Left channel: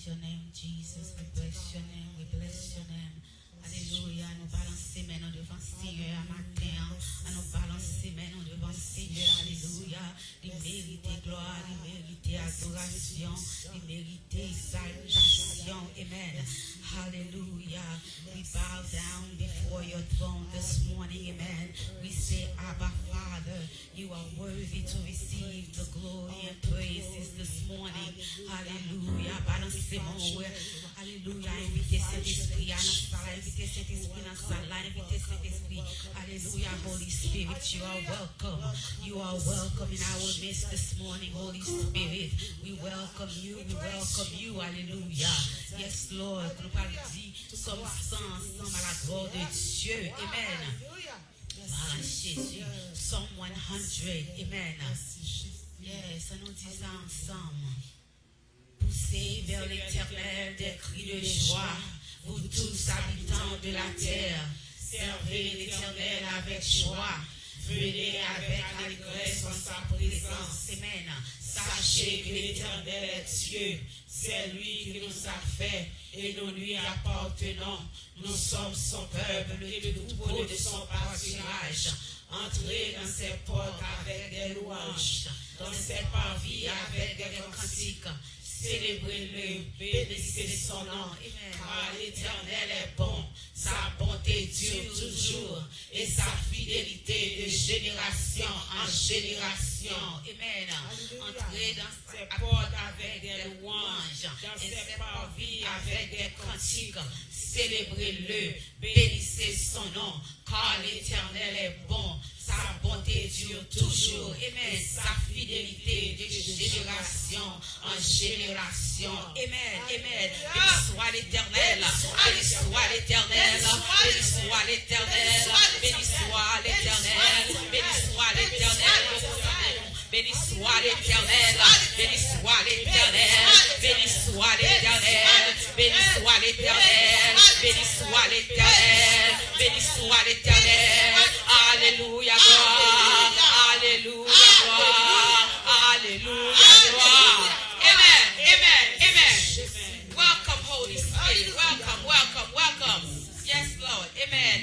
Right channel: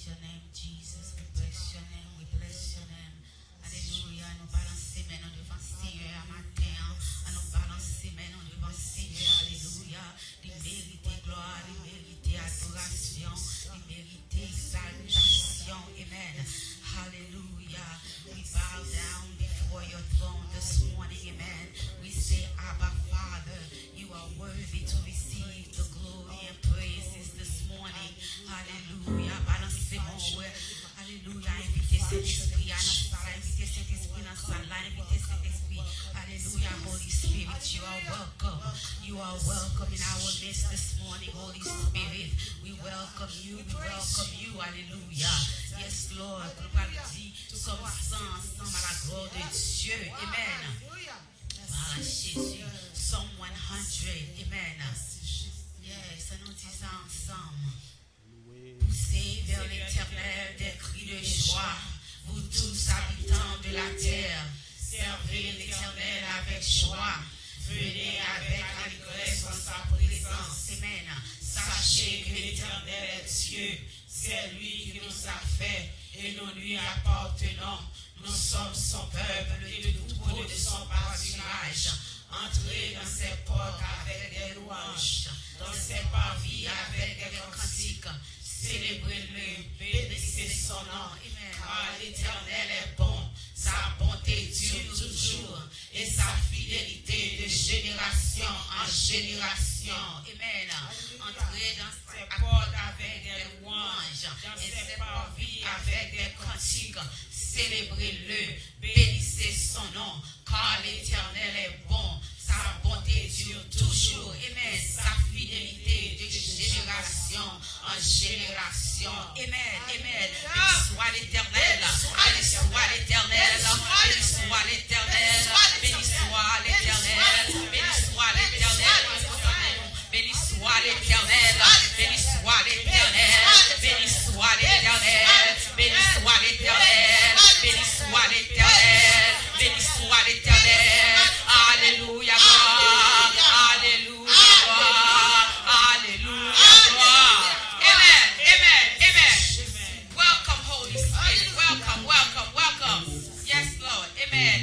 praise your name, Jesus. We bless your name. We bless your name. Alléluia. Nous balançons maintenant devant Seigneur matin. Nous balançons maintenant devant Seigneur. Alléluia. Il mérite gloire, il mérite adoration, il mérite salutation. Amen. Hallelujah. We bow down before your throne this morning. Amen. We say, Abba Father, you are worthy to receive the glory and praises this morning. Hallelujah. Balancez-moi. Alléluia. Invitez cet esprit à notre salle. Invitez cet esprit à notre salle. Invitez cet esprit. Alléluia. Holy Spirit, you are welcome. You are welcome in our midst this morning, Holy Spirit. We welcome you. We welcome you. Alléluia. Yes, Lord. Nous allons dire, sommes ensemble à la gloire de Dieu. Amen. Par Jésus. Psalm 100. Amen. Yes, nous disons ensemble. Poussez vers l'Éternel des cris de joie, vous tous habitants de la terre. Servez l'Éternel avec joie. Venez avec allégresse en sa présence. Amen. Sachez que l'Éternel est Dieu. C'est lui qui nous a fait et nous lui appartenons. Nous sommes son peuple et le troupeau de son pâturage. Entrez dans ses portes avec des louanges, dans ses parvis avec des cantiques. Célébrez-le, bénissez son nom. Car l'Éternel est bon, sa bonté dure toujours et sa fidélité de génération en génération. Amen. Entrez dans ses portes avec des louanges, dans ses parvis avec des cantiques. Célébrez-le, bénissez son nom. Car l'Éternel est bon, sa bonté dure toujours. Amen. Sa fidélité de génération en génération. Amen. Amen. Béni soit l'Éternel. Béni soit l'Éternel. Béni soit l'Éternel. Béni soit l'Éternel. Béni soit l'Éternel. Béni soit l'Éternel. Béni soit l'Éternel. Béni soit l'Éternel. Béni soit l'Éternel. Béni soit l'Éternel. Béni soit l'Éternel. Alléluia, gloire. Alléluia, gloire. Alléluia, gloire. Amen, amen, amen. Welcome, Holy Spirit. Welcome, welcome, welcome. Yes, Lord. Amen.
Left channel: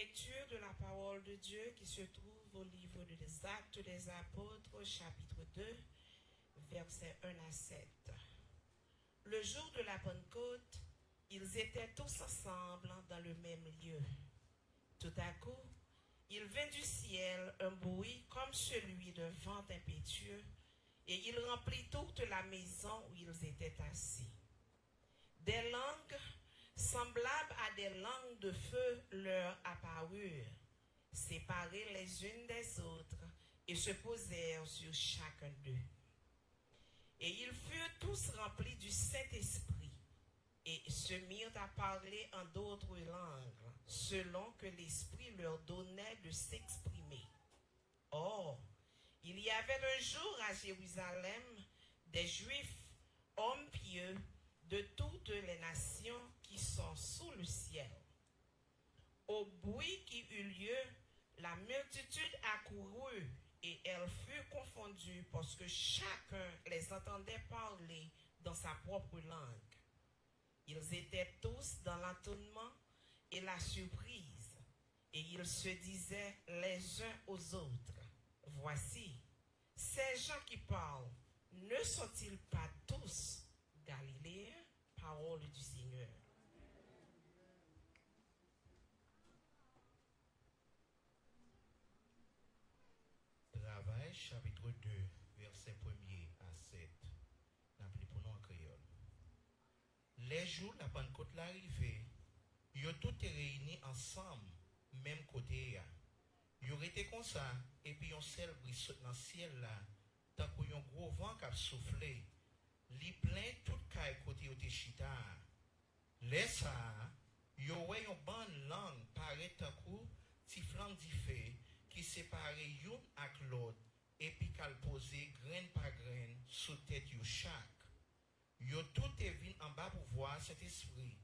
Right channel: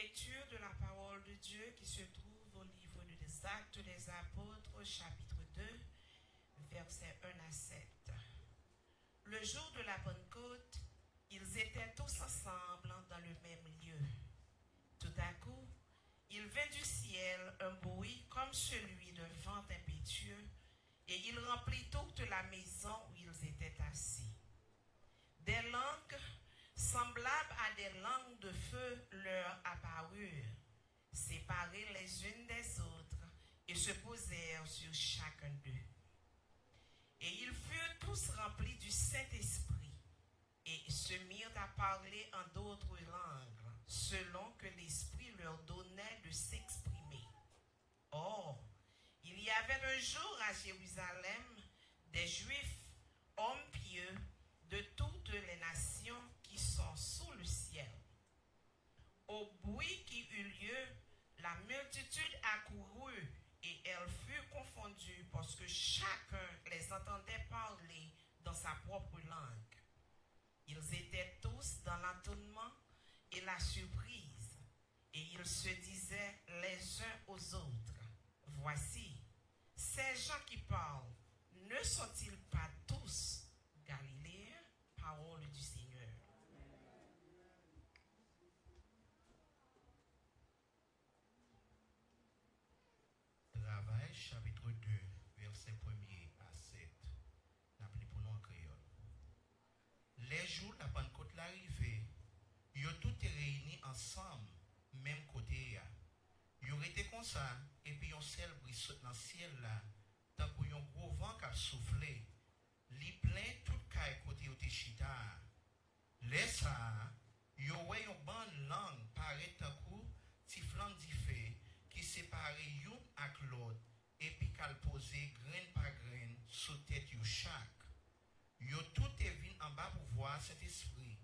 Lecture de la parole de Dieu qui se trouve au livre des Actes des Apôtres, chapitre 2, versets 1 à 7. Le jour de la Pentecôte, ils étaient tous ensemble dans le même lieu. Tout à coup, il vint du ciel un bruit comme celui d'un vent impétueux, et il remplit toute la maison où ils étaient assis. Des langues semblables à des langues de feu leur apparurent, séparées les unes des autres, et se posèrent sur chacun d'eux. Et ils furent tous remplis du Saint-Esprit, et se mirent à parler en d'autres langues, selon que l'Esprit leur donnait de s'exprimer. Or, il y avait un jour à Jérusalem des Juifs, hommes pieux, de toutes les nations qui sont sous le ciel. Au bruit qui eut lieu, la multitude accourut et elle fut confondue parce que chacun les entendait parler dans sa propre langue. Ils étaient tous dans l'étonnement et la surprise, et ils se disaient les uns aux autres, « Voici, ces gens qui parlent, ne sont-ils pas tous Galiléens ?» Parole du Seigneur. Travail, chapitre 2, verset 1er à 7. N'appelez pour nous en créole. Les jours la Pentecôte l'arrivée, ils ont tous réunis ensemble, même côté. Ils ont été comme ça, et puis ils seul brise dans le ciel là, tant qu'il y a un gros vent qui a soufflé, li plein tout caille côté au chita. Les ça, ils ont une bonne langue, paraît tant que si flanc diffé, qui sépare l'une avec l'autre, et puis qu'elle pose grain par grain sous tête de chaque. Yo tout est venu en bas pour voir cet esprit.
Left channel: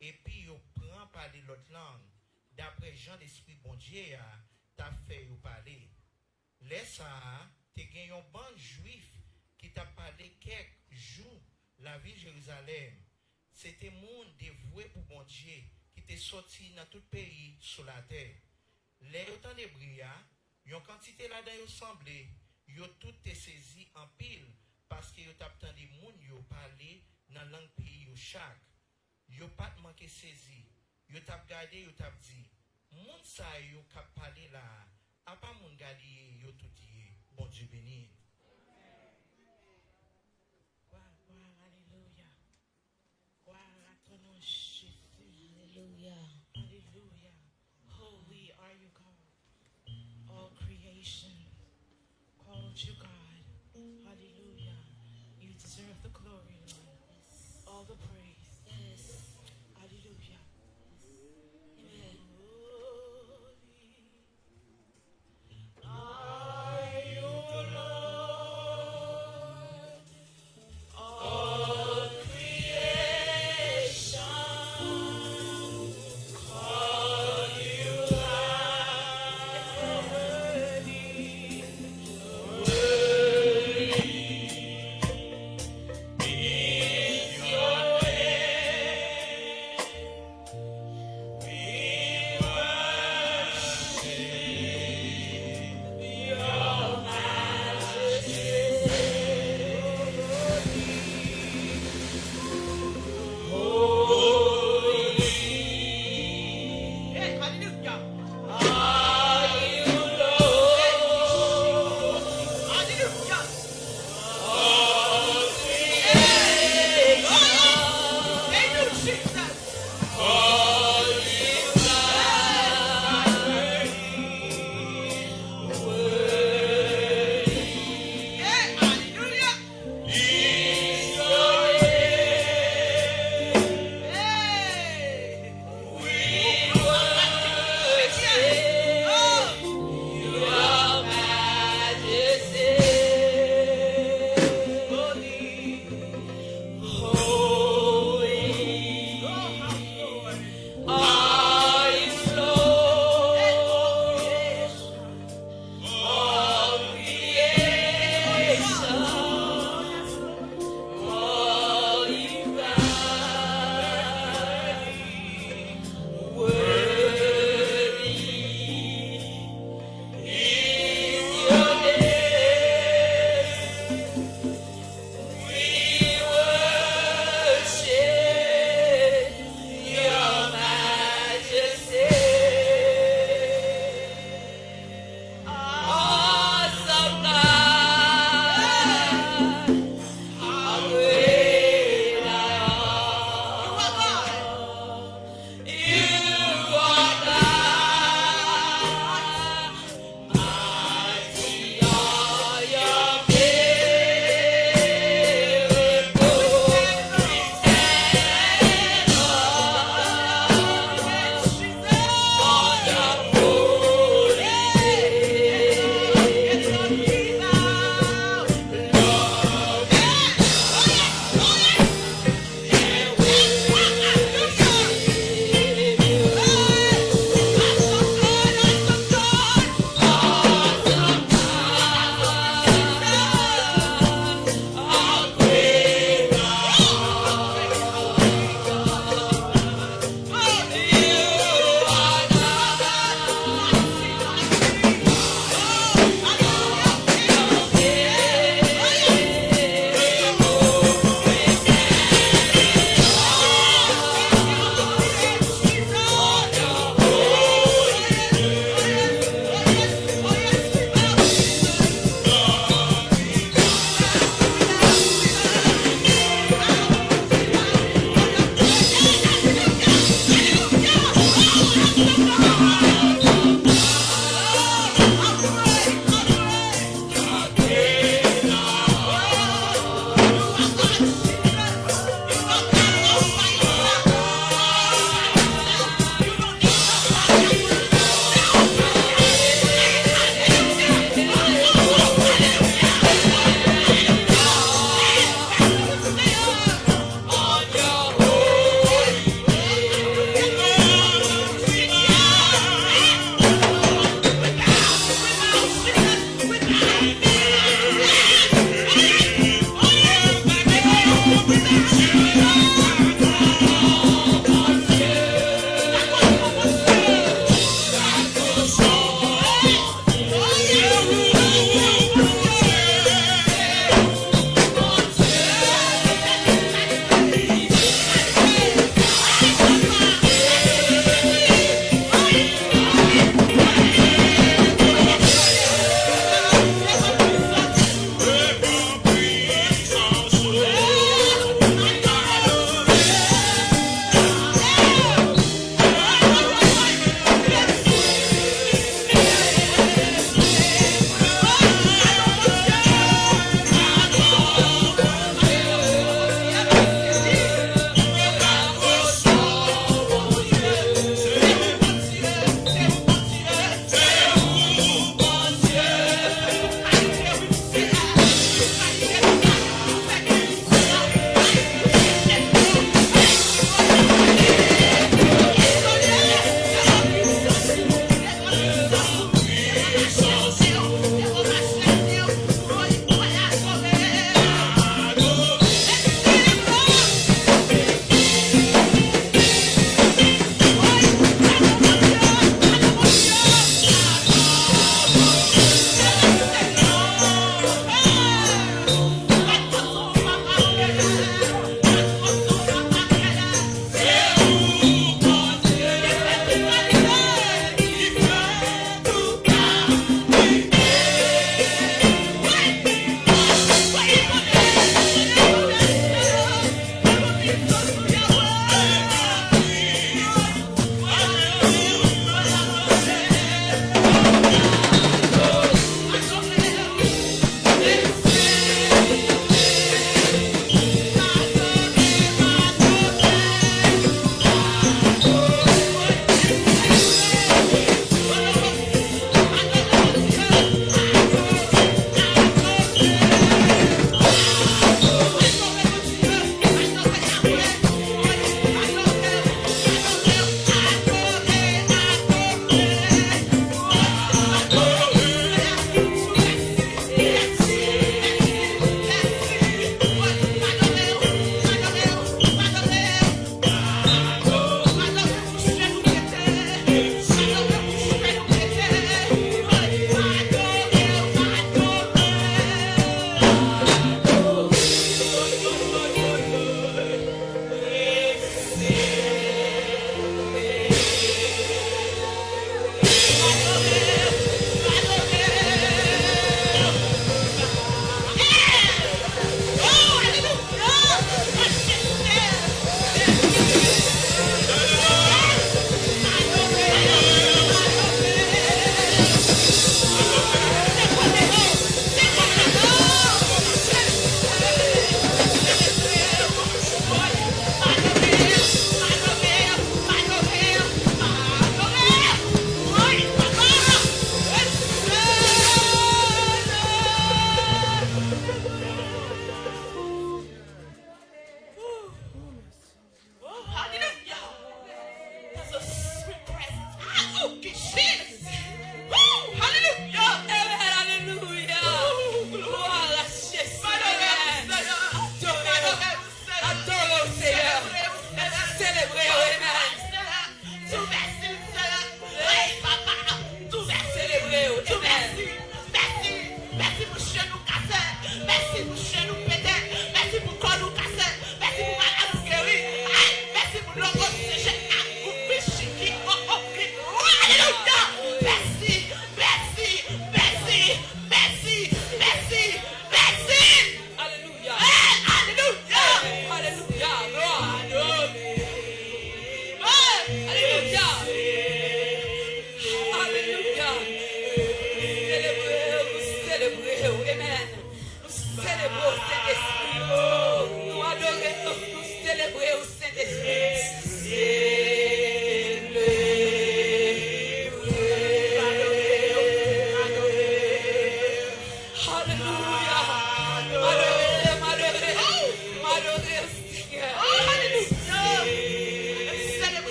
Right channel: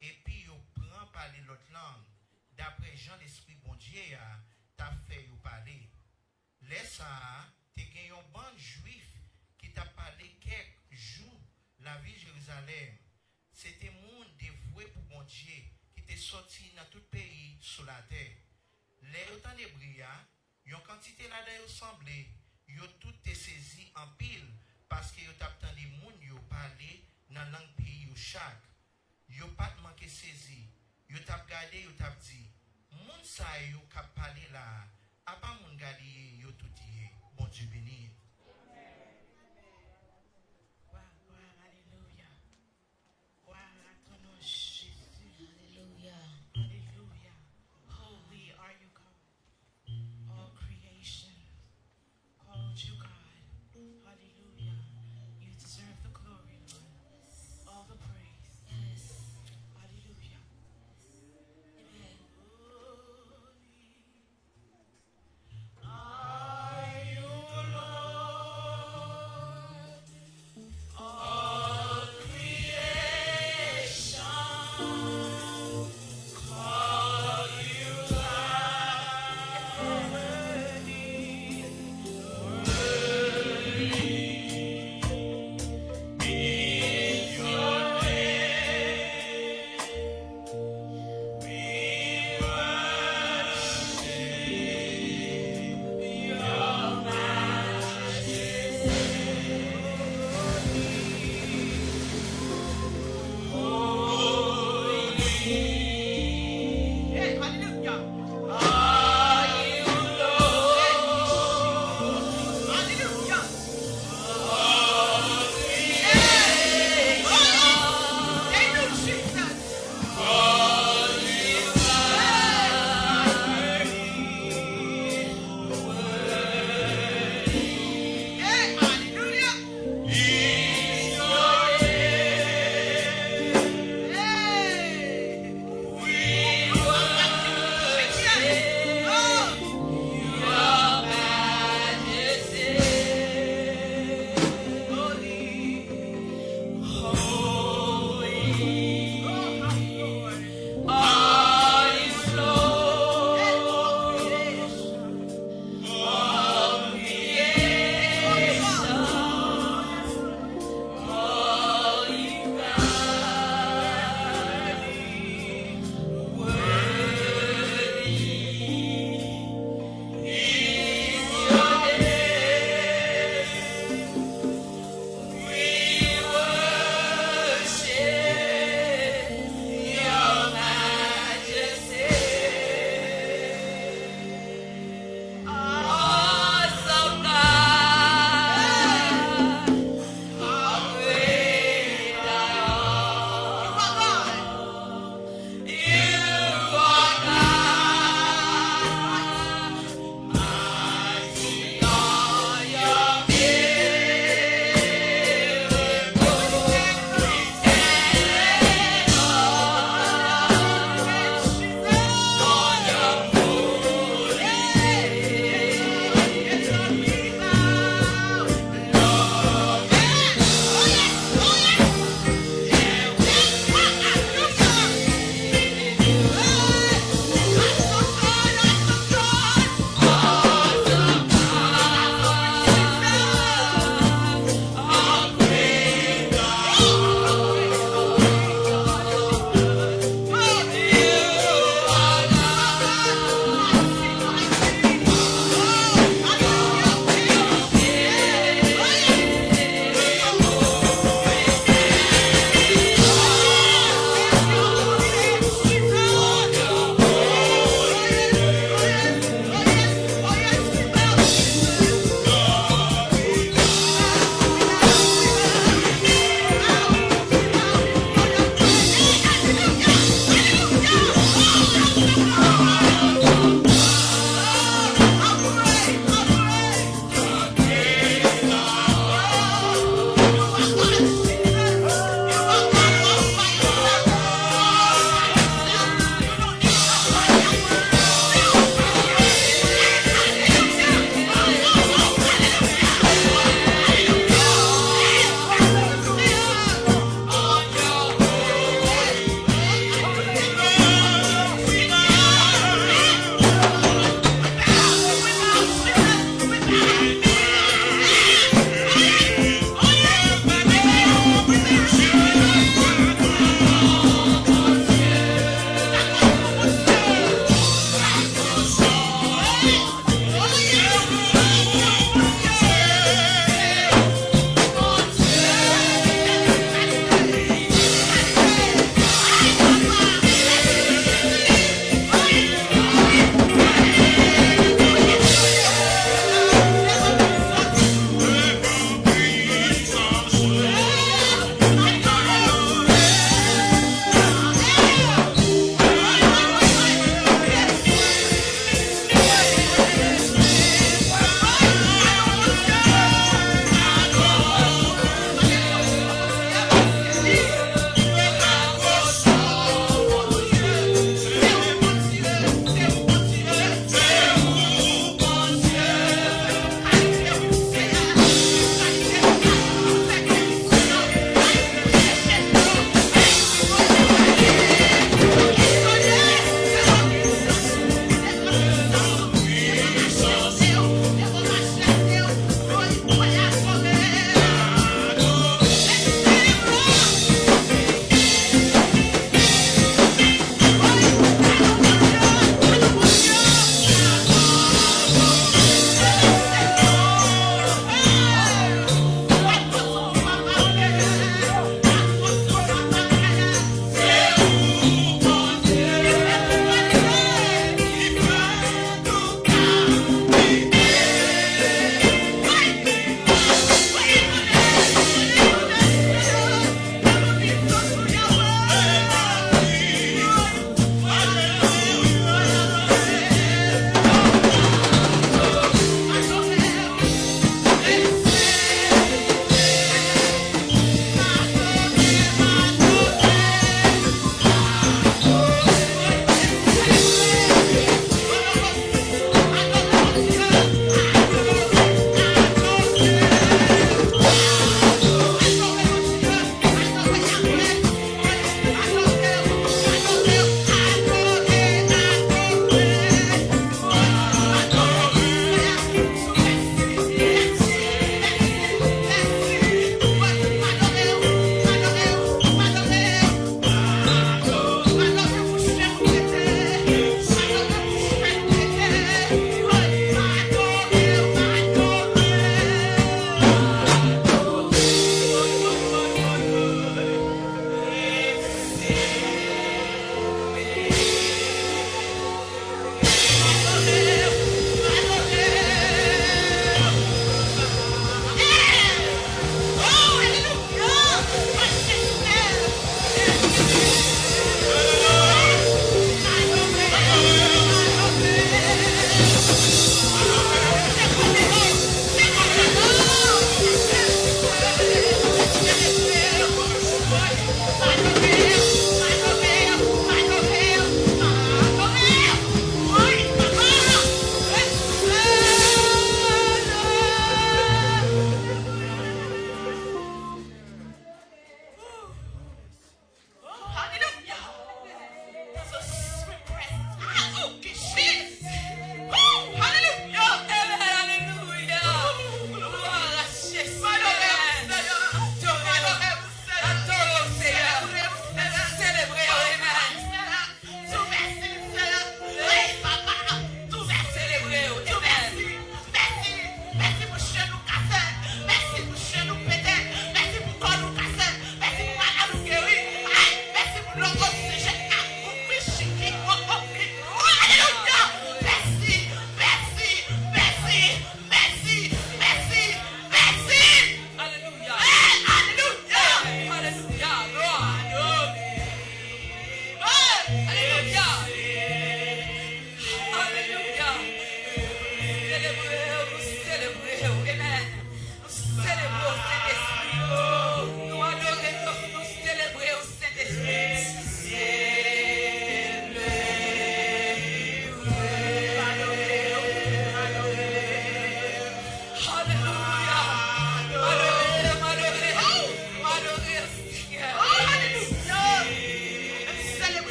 Et puis yo prend parler l'autre langue. D'après Jean l'esprit bon Dieu t'a fait yo parler. Les ça, t'es gagné un bon juif qui t'a parlé quelques jours la ville de Jérusalem. C'était monde dévoué pour bon Dieu qui t'est sorti dans tout pays sur la terre. Les temps de bria, yon quantité là-dedans yo semblé, yo tout est saisi en pile parce que yo t'a entendu moun yo parler dans langue pays yo chaque. Yo pas manqué saisi. Yo t'a regardé, yo t'a dit, moun sa yo k'ap parler là, a pas moun gadi yo tout dit. Bon Dieu béni. Alléluia. Gloire à ton nom, Jésus. Alléluia. Alléluia. Holy are you, God. All creation called you, God. Hallelujah. You deserve the glory, Lord. All the praise. Yes. Hallelujah. Amen. Holy are you, Lord.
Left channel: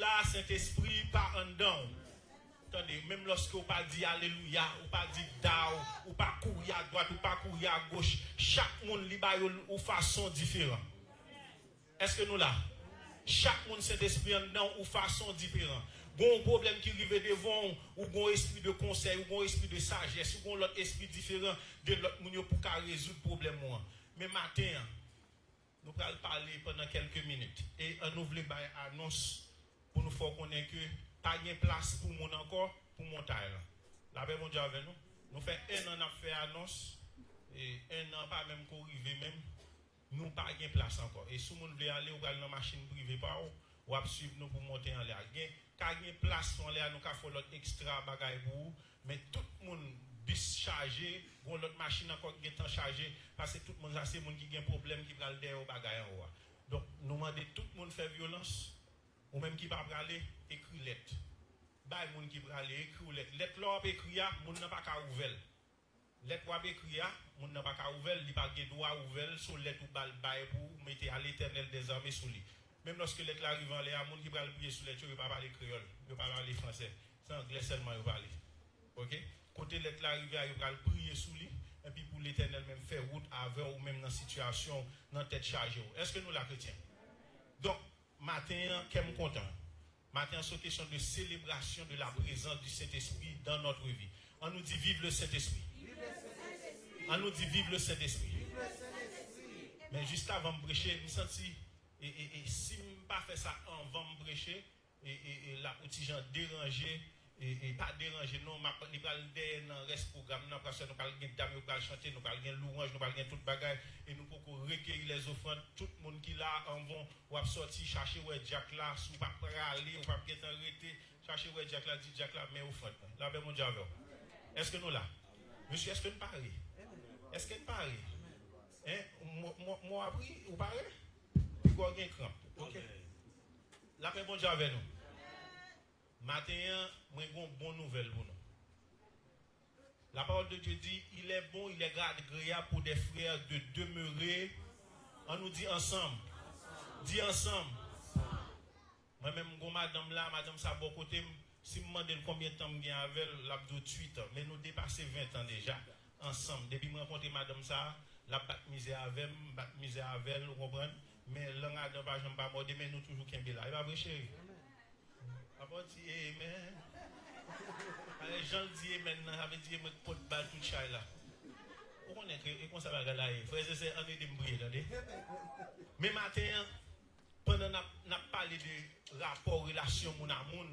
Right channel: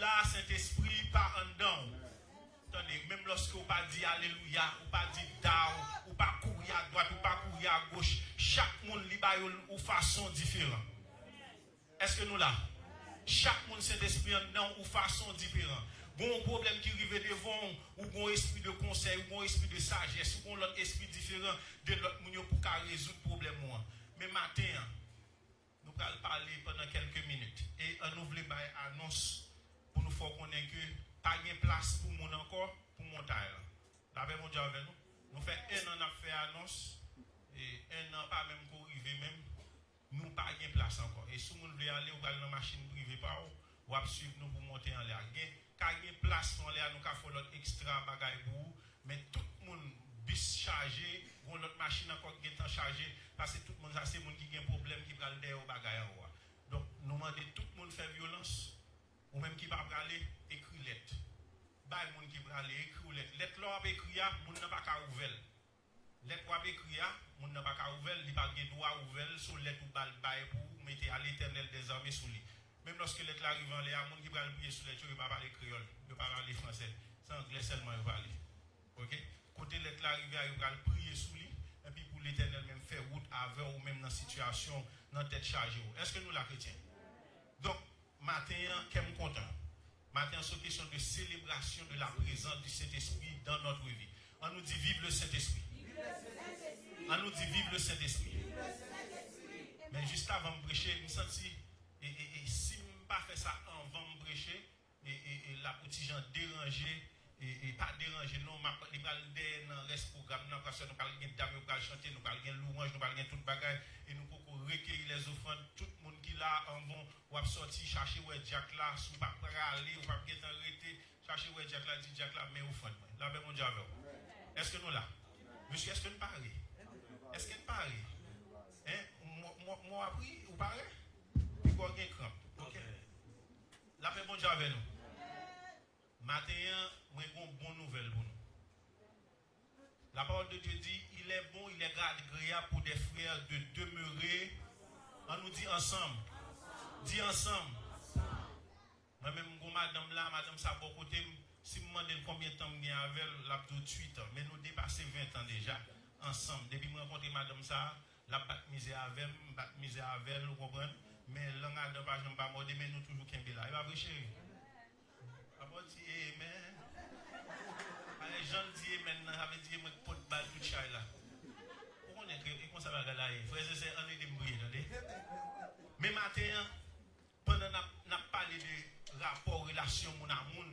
là, Saint-Esprit, pas en dedans. Attendez, même lorsque vous pas dit Alléluia, ou pas dit Dao, ou pas courir à droite, ou pas courir à gauche, chaque monde liba une façon différente. Est-ce que nous là? Chaque monde Saint-Esprit en dedans ou façon différente. Bon problème qui arrive devant, ou bon esprit de conseil, ou bon esprit de sagesse, ou bon l'autre esprit différent de l'autre monde pour résoudre le problème. Mais matin, nous allons parler pendant quelques minutes. Et nous voulons faire une annonce pour nous faire connaître que pas de place pour nous encore pour monter. La paix mondiale avec nous. Nous faisons un an à faire annonce et un an pas même pour arriver même. Nous pas de place encore. Et si vous voulez aller ou aller dans la machine privée par ou suivre nous pour monter en l'air. Quand il y a place en l'air, nous avons fait l'autre extra bagaille pour vous. Mais tout le monde bis chargé, l'autre machine encore qui est chargé parce que tout le monde a ces gens qui ont un problème qui va le derrière au bagaille en haut. Donc nous demandons tout le monde faire violence ou même qui va aller écrire lettre. Bah les gens qui va aller écrire lettre. Lettre là écrire, moun n'a pas qu'à ouvrir. Lettre wa écrire, moun n'a pas qu'à ouvrir, il pas de droit ouvrir sur lettre ou bail pour mettre à l'Éternel des armées sous lui. Même lorsque lettre arrive en l'air, moun qui va prier sur lettre, il pas parler créole, il pas parler français, c'est anglais seulement il parler. OK? Côté lettre arrive, il va prier sous lui et puis pour l'Éternel même faire route avec ou même dans situation dans tête chargée. Est-ce que nous la chrétiens? Donc matin, qu'est-ce content? Matin, c'est une question de célébration de la présence du Saint-Esprit dans notre vie. On nous dit vive le Saint-Esprit. On nous dit vive le Saint-Esprit. Mais juste avant de prêcher, je me sens et si je ne pas fait ça avant de prêcher, et la petite gens dérangé, et pas dérangé, non, je vais aller dans le reste du programme, parce que nous allons dame, nous allons chanter, nous allons louange, nous allons tout bagage, et nous pouvons recueillir les offrandes. Tout le monde qui là en vont, ou sortir chercher où est Jack là, si vous ne pouvez pas aller, ou pas être arrêté, chercher où est Jack là, dit Jack là, mais offrande. Là, ben mon Dieu, est-ce que nous là? Monsieur, est-ce que nous parlons? Est-ce que nous parlons? Moi, appris, vous parlez? Puis quoi, il y a un cramp. Ok? Là, ben mon Dieu, avec nous. Matin, moi, j'ai une bonne nouvelle pour nous. La parole de Dieu dit, il est bon, il est agréable pour des frères de demeurer. On nous dit ensemble. Dis ensemble. Moi-même, madame là, madame ça, bon côté, si je me demande combien de temps je avec la 28 ans, mais nous dépassons 20 ans déjà, ensemble. Depuis que je rencontre madame ça, la batte misère avec elle, vous comprenez? Mais l'un a d'un pas, je ne pas morder, mais nous toujours qu'un là. Il va vrai, chérie. Après, dit amen. Les gens disent amen, avec dit amen, pour pas tout chat là. Vous connaissez, et comment ça va là? Frère, c'est un de me briller, mais matin, pendant qu'on a parlé de rapport, relation, mon amour,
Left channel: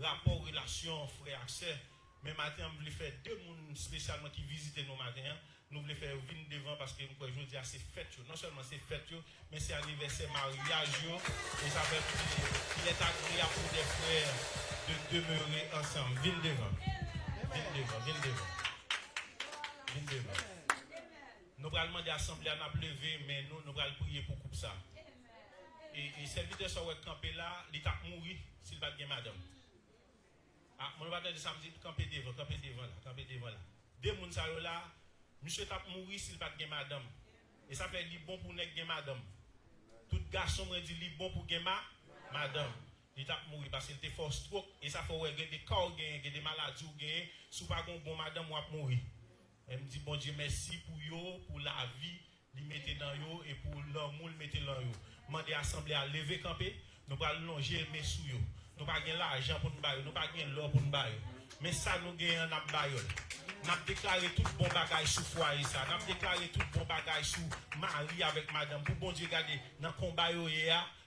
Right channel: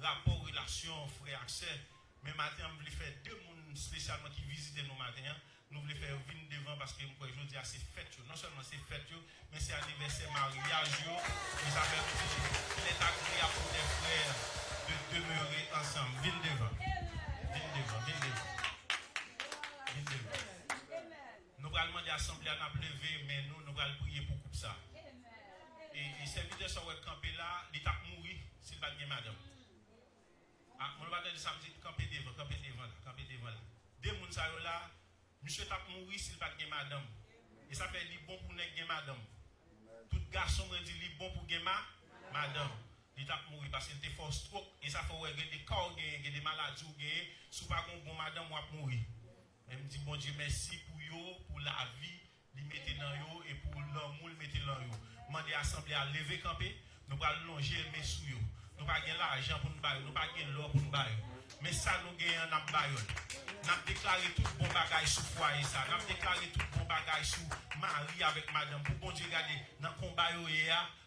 rapport, relation, frère, accès, mais matin, on voulait faire deux personnes spécialement qui visitent nos matins. Nous voulons faire venir devant parce que je dis c'est fête. Non seulement c'est fête, mais c'est anniversaire mariage. Et ça fait qu'il est agréable pour des frères de demeurer ensemble. Viens devant. Nous allons demander à l'Assemblée à nous lever, mais nous allons prier pour couper ça. Et serviteur sur le campé là, il t'a mouru s'il va bien madame. Ah, mon va dire samedi, campé devant là. Deux personnes là. Monsieur t'a mouru s'il pas de madame. Et ça fait bon pour ne pas madame. Tout garçon me dit bon pour madame. Il t'a mouru parce que des forces trop et ça fait des corps des maladies sous pas bon madame ou mourir. Elle me dit bon Dieu merci pour la vie, li mettez dans yo et pour l'amour mettez dans yo. Mandez assemblée à lever camper, nous pas longer mes sous yo. Nous pas gain l'argent pour nous bailler, nous pas gain l'or pour nous bailler. Mais ça nous gagne n'a baillon. N'a déclaré tout bon bagage sous foyer ça. N'a déclaré tout bon bagage sous mari avec madame pour bon Dieu garder dans combat yo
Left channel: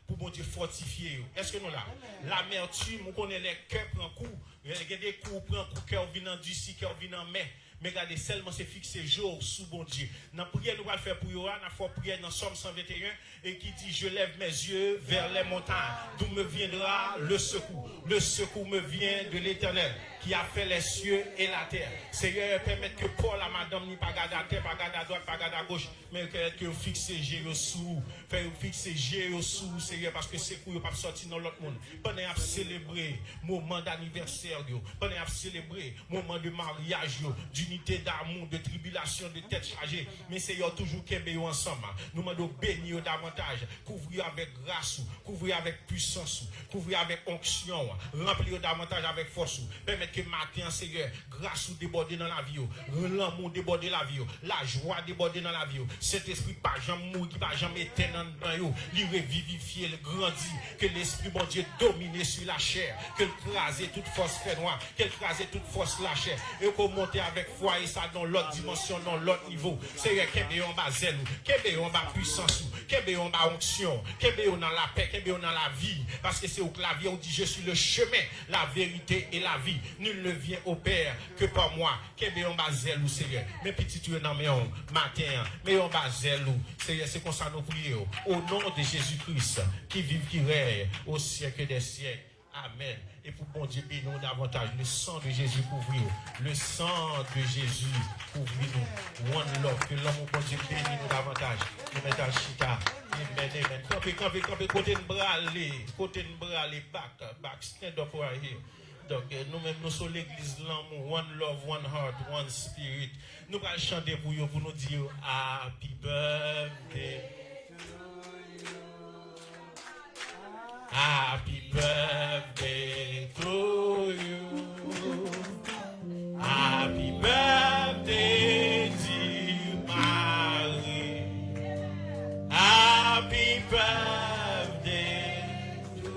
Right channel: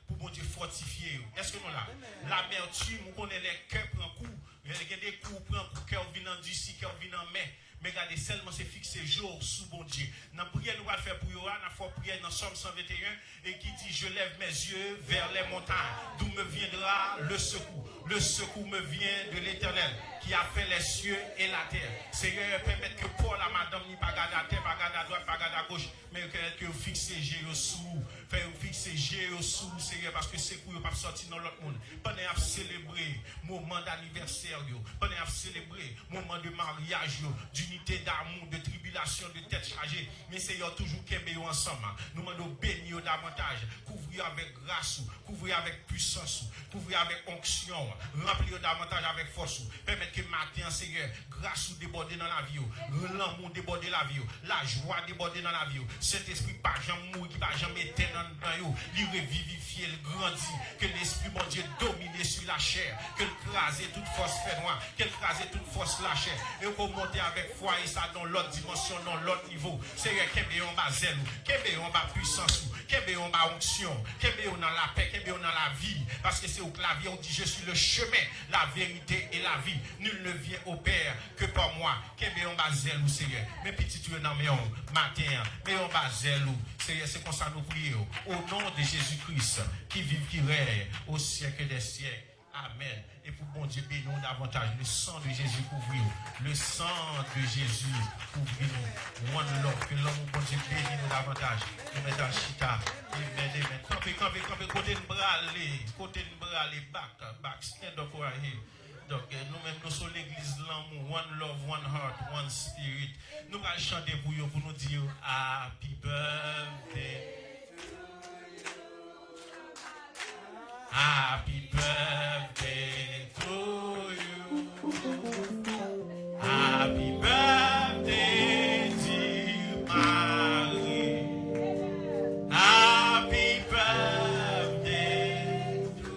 pour bon Dieu fortifier. Est-ce que nous là l'amertume, on connaît les cœurs prend coup, il y a des coups prend coup cœur venant d'ici, cœur venant mais regardez seulement c'est fixé jour sous bon Dieu. Dans prière nous va faire pour yo, n'a faut prier dans Somme 121 et qui dit je lève mes yeux vers les montagnes d'où me viendra le secours. Le secours me vient de l'Éternel qui a fait les cieux et la terre. Seigneur, permettre que Paul, la madame, n'y pas garder à terre, pas garder à droite, pas garder à gauche, mais que fixe G sous, faire fixer G sous, Seigneur, parce que c'est pour ne pas sortir dans l'autre monde. Pendant à célébrer moment d'anniversaire, pendant à célébrer moment de mariage du d'opportunités, d'amour, de tribulation, de tête chargée. Mais Seigneur, toujours qu'aimer ensemble. Nous demandons bénir davantage, couvrir avec grâce, couvrir avec puissance, couvrir avec onction, remplir davantage avec force. Permettre que matin, Seigneur, grâce ou déborder dans la vie, l'amour déborder la vie, la joie déborder dans la vie. Cet esprit pas jamais mourir, pas jamais éteindre dans vous, il revivifier, il grandit, que l'esprit bon Dieu domine sur la chair, que crase toute force fait noire, qu'elle crase toute force la chair, et qu'on monte avec foi et ça dans l'autre dimension, dans l'autre niveau. Seigneur, qu'elle est en bas zèle, qu'elle est en bas puissance, qu'elle est en bas onction, qu'elle est dans la paix, qu'elle est dans la vie, parce que c'est au clavier on dit je suis le chemin, la vérité et la vie. Nul ne vient au Père que par moi. Qu'elle est en bas zèle ou Seigneur, mes petits tu es dans mes hommes, matin, mais en bas zèle ou Seigneur, c'est comme ça nous prions, au nom de Jésus-Christ, qui vit, qui règne au siècle des siècles. Amen. Et pour bon Dieu, bénis-nous davantage. Le sang de Jésus couvre-nous. Le sang de Jésus couvre-nous. One love. Que l'homme, bon Dieu, bénis-nous davantage. Nous mettons à chita. Amen, amen. Campé, côté de bras, back, stand up right here. Donc, nous-mêmes, nous sommes l'église l'amour. One love, one heart, one spirit. Nous allons chanter pour vous, pour nous dire Happy birthday. Happy birthday to you. Happy birthday, dear Marie. Happy birthday to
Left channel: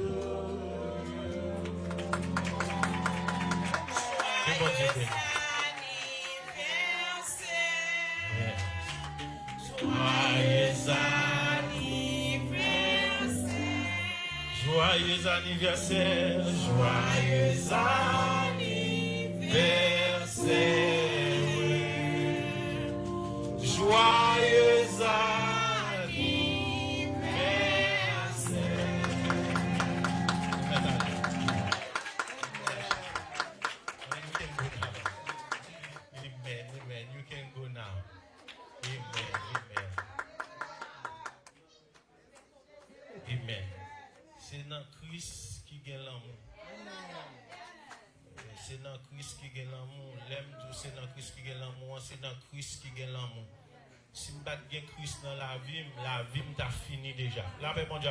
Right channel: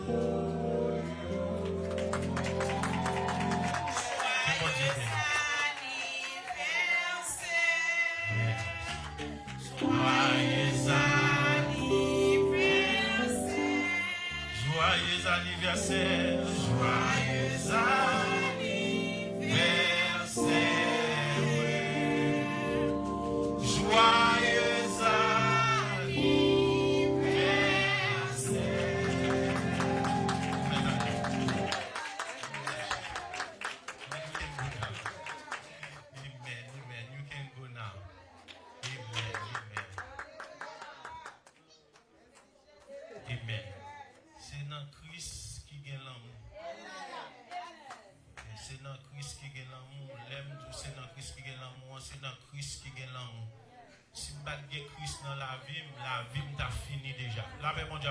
Joyeux anniversaire, joyeux anniversaire, joyeux Amen. You can go now. Amen. C'est dans Christ qui gagne l'amour. C'est dans Christ qui gagne l'amour. L'aime, c'est dans Christ qui gagne l'amour. C'est dans Christ qui gagne l'amour. Si vous battez Christ dans la vie t'a fini déjà. La paix, bon Dieu.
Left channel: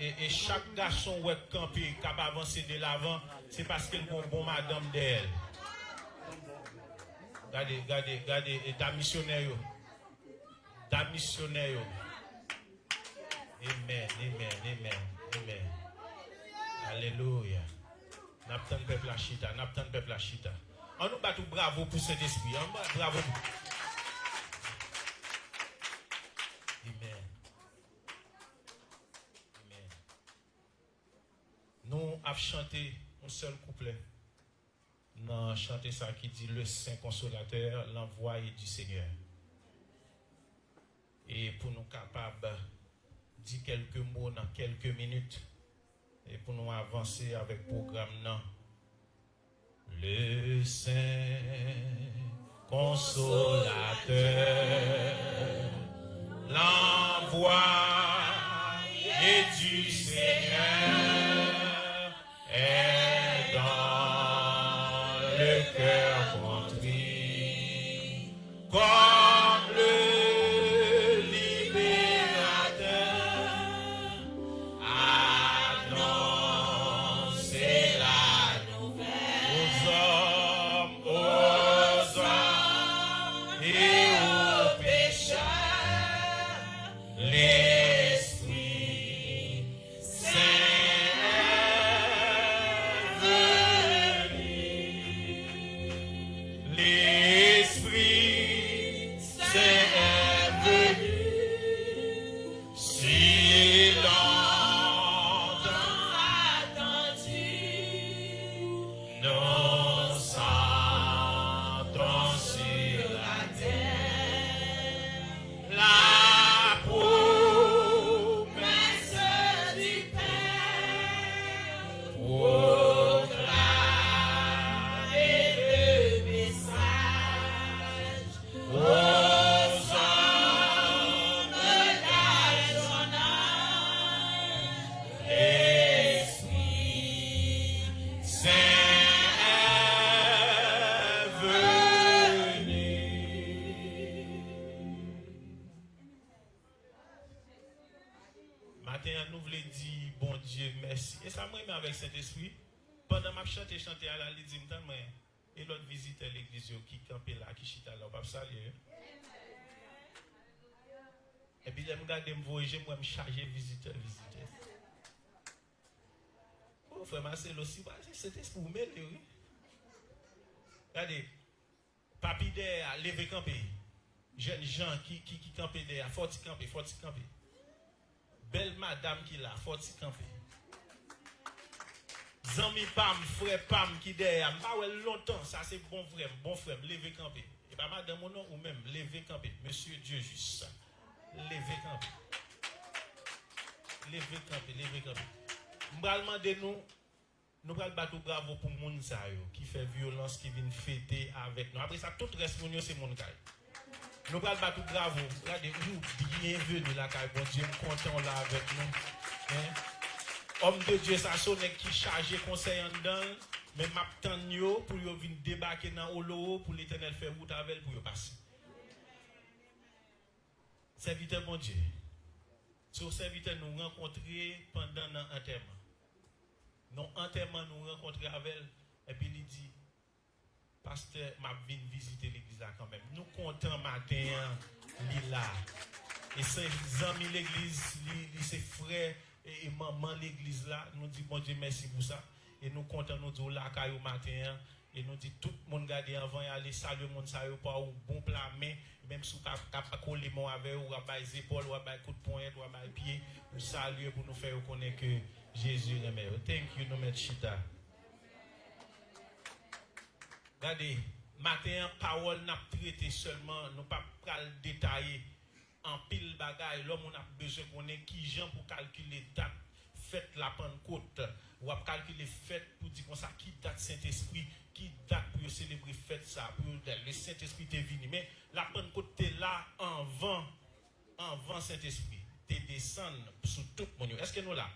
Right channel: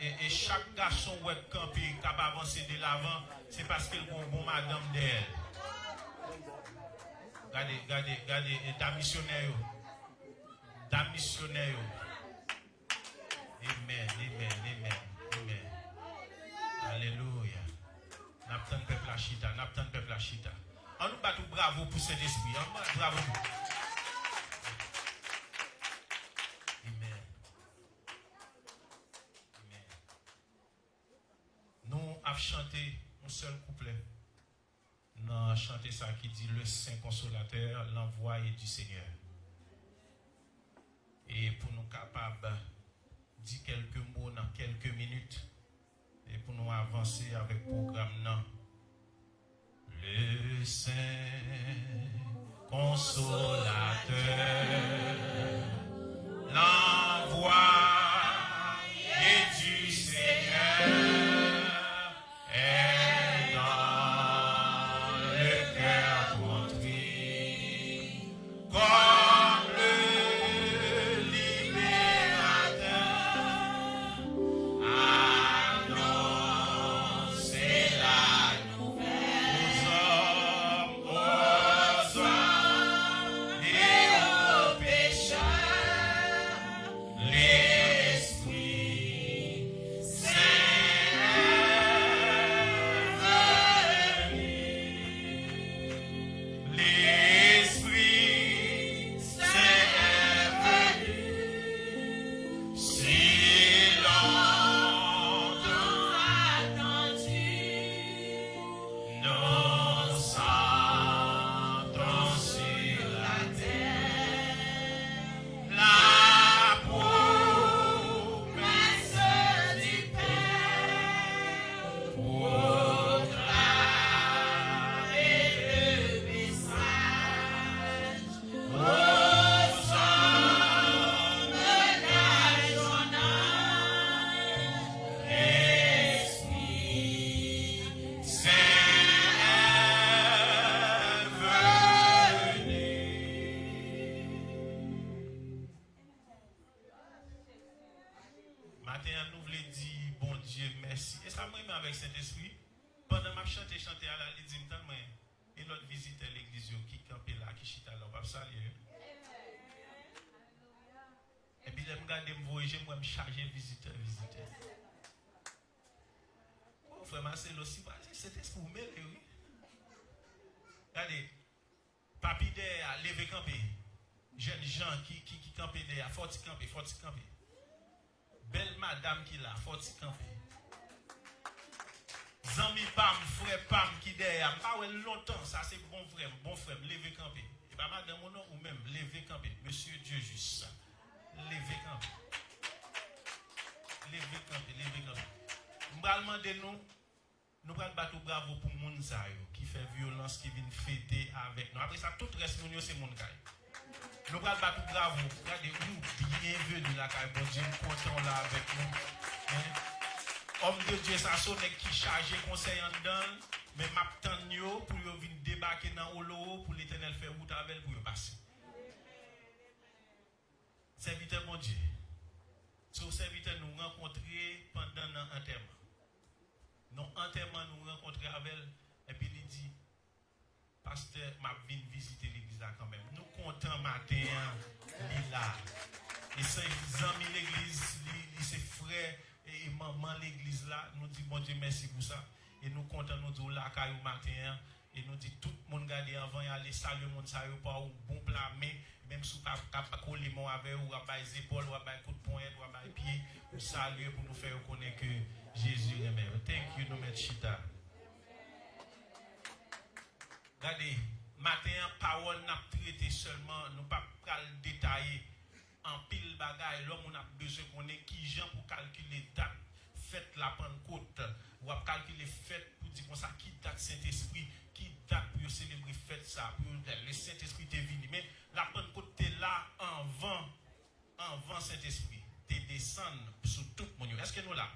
Et chaque garçon ou campé qui a avancé de l'avant, c'est parce qu'il y a une bonne madame d'elle. Regardez, et ta missionnaire. Amen. Alléluia. N'attend peuple la chita. On nous bat tout bravo pour cet esprit. Bravo. Amen. Nous avons chanté un seul couplet. Nous avons chanté ça qui dit le Saint Consolateur, l'envoyé du Seigneur. Et pour nous capables de dire quelques mots dans quelques minutes, et pour nous avancer avec le programme, non. Le Saint Consolateur, l'envoyé du Seigneur, est dans le cœur contrit, comme le libérateur, annoncez la nouvelle aux hommes et aux pécheurs. merci. Et ça, moi, avec Saint-Esprit, pendant que je chantais à la Lidine, et l'autre visite l'église qui campait là, qui chita là, pas saluer. Et puis, je me regarde, moi, me charger visiteur. Oh, frère Marcel aussi, c'était pour mêler, oui. Regardez, papi derrière, levé camper. Jeunes gens qui campaient derrière, faut camper. Belle madame qui là, faut camper. Zami Pam, frère Pam qui derrière, pas longtemps, ça c'est bon frère, levé camper. Et pas madame mon nom ou même, levé camper. Monsieur Dieu juste. Levé camper. Nous allons demander nous allons battre bravo pour moun sa yo qui fait violence qui vient fêter avec nous. Après ça tout reste moun c'est mon kay. Nous allons battre bravo. Regardez nous bienvenue la kay bon Dieu content là avec nous. Homme de Dieu ça sonne qui chargé conseil en dedans mais m'attend yo pour yo venir débarquer dans Olo pour l'Éternel faire route avec pour yo passer. Serviteur bon Dieu. Sur serviteur nous rencontrer pendant l'enterrement. Nous enterrement nous rencontrer avec elle et puis il dit pasteur m'a venu visiter l'église là quand même. Nous comptons matin là. Et ses amis l'église, ses frères et maman l'église là, nous dit bon Dieu merci pour ça et nous comptons nous dire là au matin et nous dit tout le monde garder avant y aller saluer monde ça yo pas ou bon plat mais même si pas coller mon avec ou à bailler épaule ou à bailler coup de poing ou à bailler pied ou saluer pour nous faire connaître que Jésus est meilleur. Thank you, no matter chita. Regardez, matin, parole n'a traité seulement, nous pas détailler en pile bagaille. L'homme on a besoin de connaître qui gens pour calculer date, fête la Pentecôte, ou à calculer fête pour dire comme ça, qui date Saint-Esprit, qui date pour célébrer fête ça, pour le Saint-Esprit est venu. Mais la Pentecôte est là en vent Saint-Esprit. Tu descends sur tout le monde. Est-ce que nous là?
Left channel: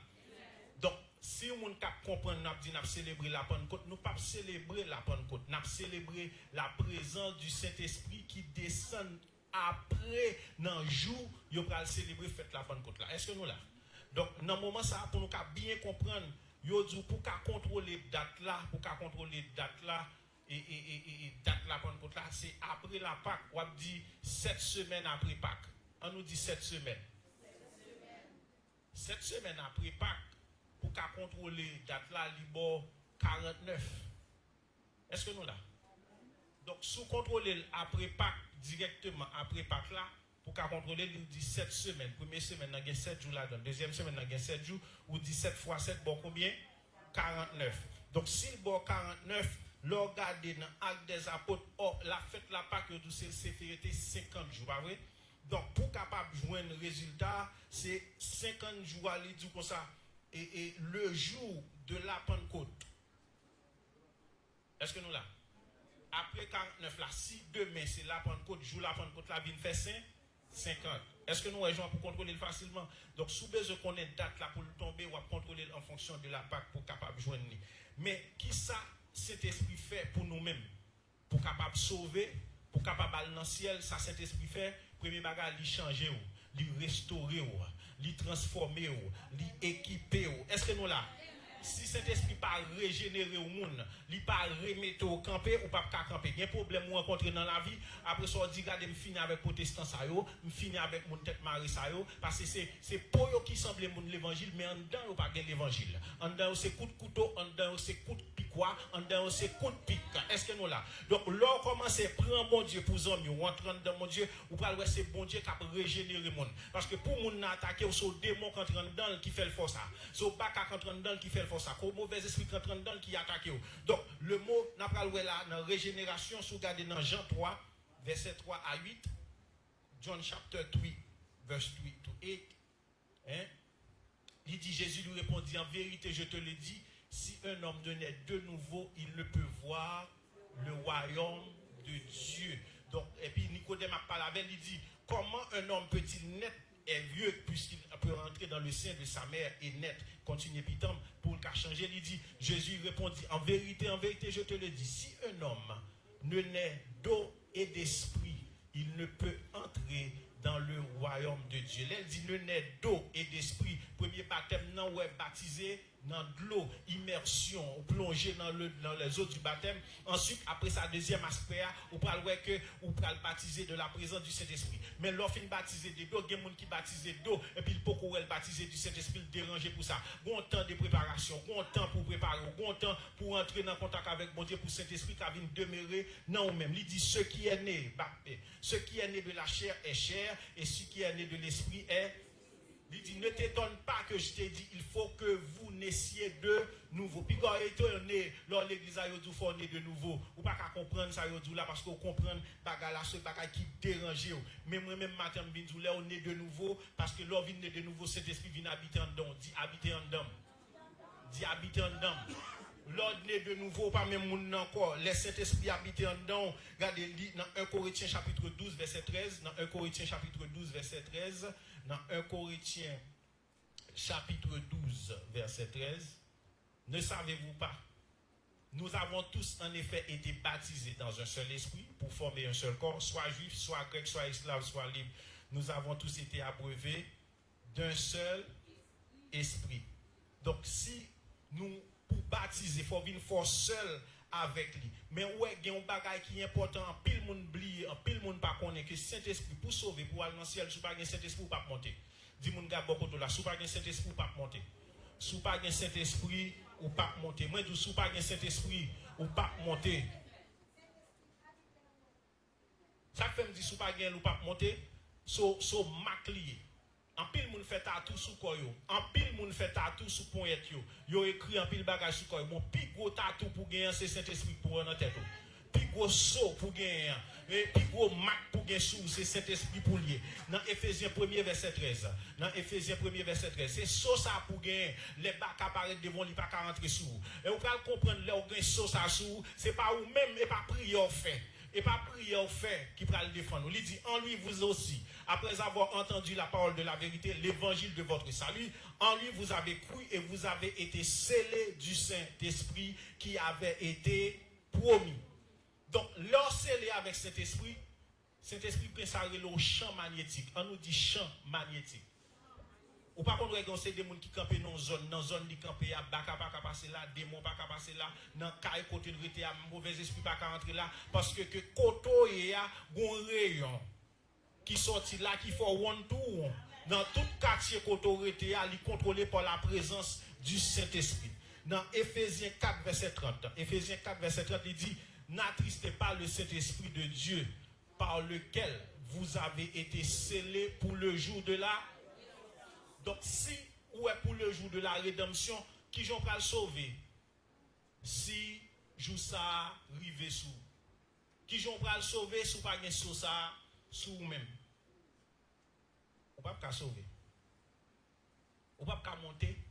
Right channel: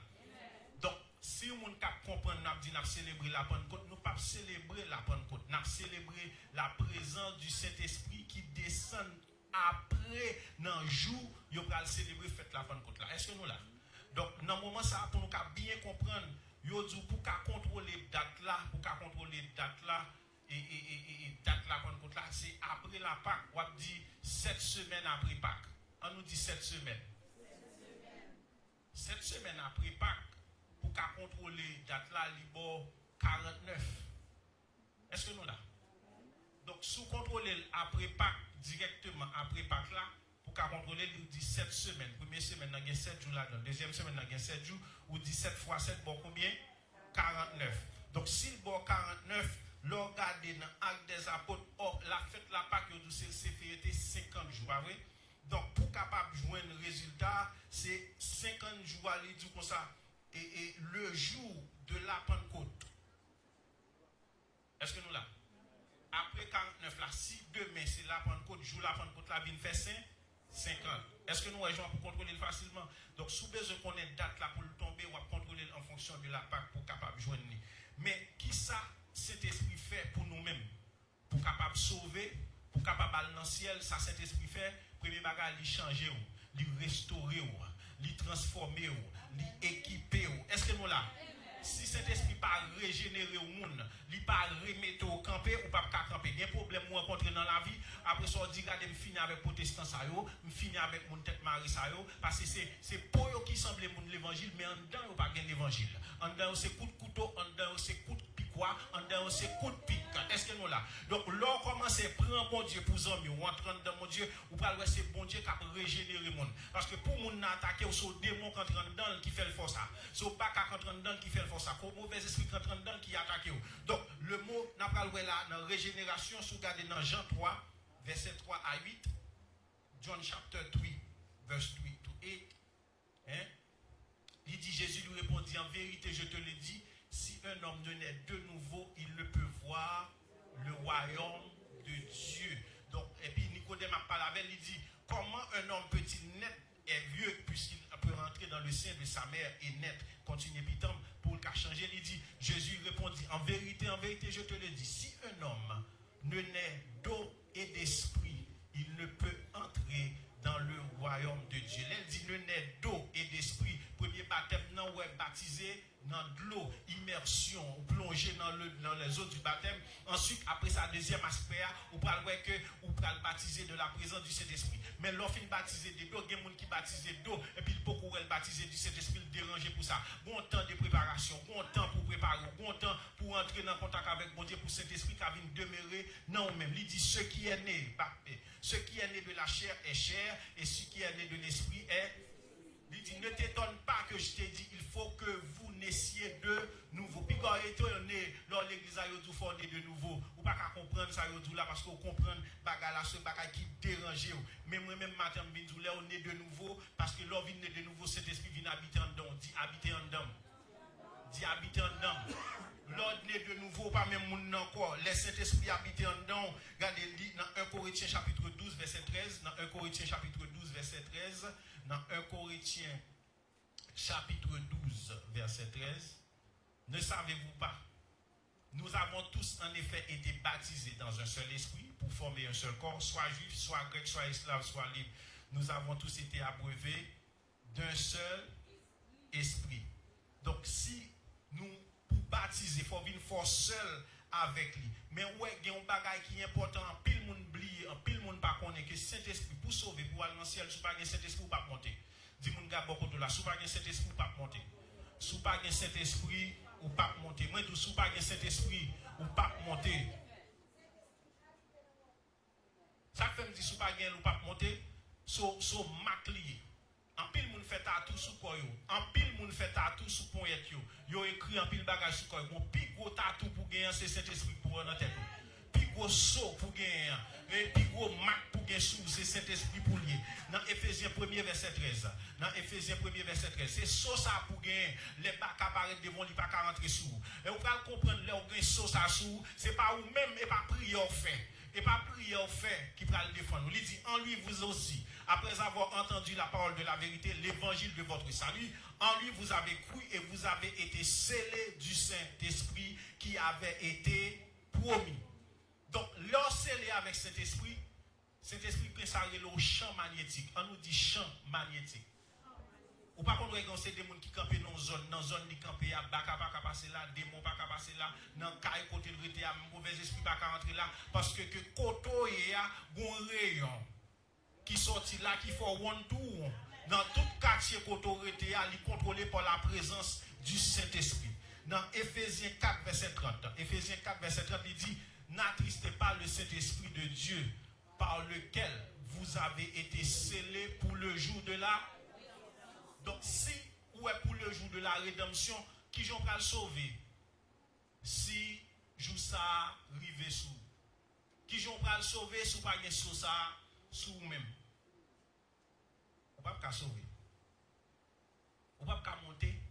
Donc, si on comprend, nous avons célébré la Pentecôte, nous ne pouvons pas célébrer la Pentecôte. Nous avons célébré la présence du Saint-Esprit qui descend après, dans le jour, nous allons célébrer la Pentecôte. Est-ce que nous là? Donc, dans le moment, ça, pour nous bien comprendre, pour contrôler la date là, et date la Pentecôte là, c'est après la Pâque. On dit 7 semaines après Pâque. On nous dit 7 semaines. 7 semaines après Pâques. Pour contrôler date là, libre 49. Est-ce que nous là? Donc, sous contrôler après Pâques, directement après Pâques là, pour contrôler, il dit 7 semaines. Première semaine, il y a 7 jours là. Deuxième semaine, il y a 7 jours. Ou 17 fois 7, bon combien? 49. Donc, si le bon 49, le regardez dans l'acte des apôtres, la fête la Pâques, c'est 50 jours. Pas vrai? Donc, pour capable de jouer un résultat, c'est 50 jours à l'idée comme ça. Et le jour de la Pentecôte, est-ce que nous là? Après 49 là, si demain c'est la Pentecôte, jour la Pentecôte là, vient faire 50. Est-ce que nous rejoignons pour contrôler facilement? Donc, sous besoin qu'on ait une date là pour le tomber, on va contrôler en fonction de la Pâque pour capable de joindre. Mais qui ça, cet esprit fait pour nous-mêmes? Pour capable sauver, pour capable aller dans le ciel, ça cet esprit fait, premier bagage, il changer, il restaurer, il transformer, il équiper. Est-ce que nous là? Si cet esprit pas régénérer au monde, il pas remettre au camper ou pas camper. Il y a un problème qu'on rencontre dans la vie. Après ça, on dit regardez, je finis avec protestant ça yo, je finis avec mon tête marie ça yo, parce que c'est pour eux qui semble mon l'évangile, mais en dedans il pas gain d'évangile. En dedans c'est coup de couteau, en dedans c'est coup de piquois, en dedans c'est coup de pique. Est-ce que nous là? Donc là commence à prendre bon Dieu pour zombie, ou entrer dans mon Dieu, ou pas c'est bon Dieu qui a régénéré le monde. Parce que pour mon attaquer, c'est le démon qui entre dedans qui fait le force. C'est pas qu'à entre dedans qui fait le force. C'est le mauvais esprit qui entre dedans qui attaque. Donc le mot n'a pas le là dans régénération, si vous regardez dans Jean 3, verset 3 à 8, John chapter 3, verse 3 to 8. Hein? Il dit, Jésus lui répondit, en vérité, je te le dis, si un homme ne naît de nouveau, il ne peut voir le royaume de Dieu. Donc, et puis Nicodème a parlé avec, il dit, comment un homme peut-il naître et vieux puisqu'il peut rentrer dans le sein de sa mère et naître, continue Pitam, pour le cas changer, il dit, Jésus répondit, en vérité, je te le dis, si un homme ne naît d'eau et d'esprit, il ne peut entrer dans le royaume de Dieu. Elle dit, ne naît d'eau et d'esprit. Premier baptême, non, ou est baptisé dans de l'eau, immersion, ou plongé dans les eaux du baptême. Ensuite, après ça, deuxième aspect, ou pas le que ou pas le baptiser de la présence du Saint-Esprit. Mais l'offre baptisé de l'eau, il y a des gens qui baptisent d'eau, et puis beaucoup est baptisé du Saint-Esprit, dérangé pour ça. Bon temps de préparation, bon temps pour préparer, bon temps pour entrer dans contact avec bon Dieu, pour Saint-Esprit qui vient demeurer dans nous-mêmes. Il dit ce qui est né, ce qui est né de la chair est chair, et ce qui est né de l'esprit est. Il dit, ne t'étonne pas que je t'ai dit, il faut que vous naissiez de nouveau. Puis quand étonné, dans l'église, il faut naître de nouveau. Ou pas qu'à comprendre ça, là, parce qu'on comprend ce bagage qui dérange. Mais moi-même, matin, je là, on est de nouveau, parce que l'on vient de nouveau, cet esprit vient habiter en dedans. Dit habiter en dedans. Dit habiter en dedans. L'ordre est de nouveau, pas même monde encore. Les Saint-Esprit habiter en dedans. Regardez, dans 1 Corinthiens chapitre 12, verset 13. Dans 1 Corinthiens chapitre 12, verset 13. Dans 1 Corinthiens chapitre 12, verset 13. Ne savez-vous pas? Nous avons tous en effet été baptisés dans un seul esprit pour former un seul corps, soit juif, soit grec, soit esclave, soit libre. Nous avons tous été abreuvés d'un seul esprit. Donc si nous pour baptiser, il faut venir fort seul avec lui. Mais ouais, il y a un bagage qui est important, en pile monde oublie, en pile monde pas connaît que Saint-Esprit pour sauver, pour aller dans le ciel, si pas un Saint-Esprit ou pas monter. Dis mon gars beaucoup de là, si pas un Saint-Esprit ou pas monter. Si pas un Saint-Esprit ou pas monter. Moi tout si pas un Saint-Esprit ou pas monter. Ça fait me dire si pas un ou pas monter, so maclier. En pile moun fait tatou sous quoi yo. En pile moun fait tatou sous poignette yo. Yo écrit en pile bagage sous quoi yo. Bon pi gros tatou pour gagner c'est Saint-Esprit pour dans tête. Pi gros saut pour gagner et pi gros marque pour gagner sous c'est Saint-Esprit pour lier. Dans Éphésiens 1er verset 13. Dans Éphésiens 1er verset 13, c'est saut ça pour gagner les bacs apparaître devant lui pas rentrer sous. Et on va comprendre là où gagne saut ça sous, c'est pas ou même et pas prière fait. Et pas prière fait qui va le défendre. Il dit en lui vous aussi. Après avoir entendu la parole de la vérité, l'évangile de votre salut, en lui vous avez cru et vous avez été scellés du Saint-Esprit qui avait été promis. Donc, lorsque scellé avec Saint-Esprit, Saint-Esprit peut s'arrêter au champ magnétique. On nous dit champ magnétique. Ou par contre, c'est des gens qui campent dans zone qui campent, baka passer là, démon baka passer là, dans caille côté le vérité, mauvais esprit baka rentrer là, parce que koto y a un rayon qui sorti là, qui fait one tour dans tout quartier qu'autorité est contrôlé par la présence du Saint-Esprit. Dans Éphésiens 4, verset 30, Éphésiens 4, verset 30, il dit, n'attristez pas le Saint-Esprit de Dieu, par lequel vous avez été scellés pour le jour de la. Donc, si ou est pour le jour de la rédemption, qui j'en va le sauver? Si joue ça, rive sous. Qui j'en va le sauver, sous pas de sous ça, sous vous-même. On ne peut pas sauver. On ne peut pas monter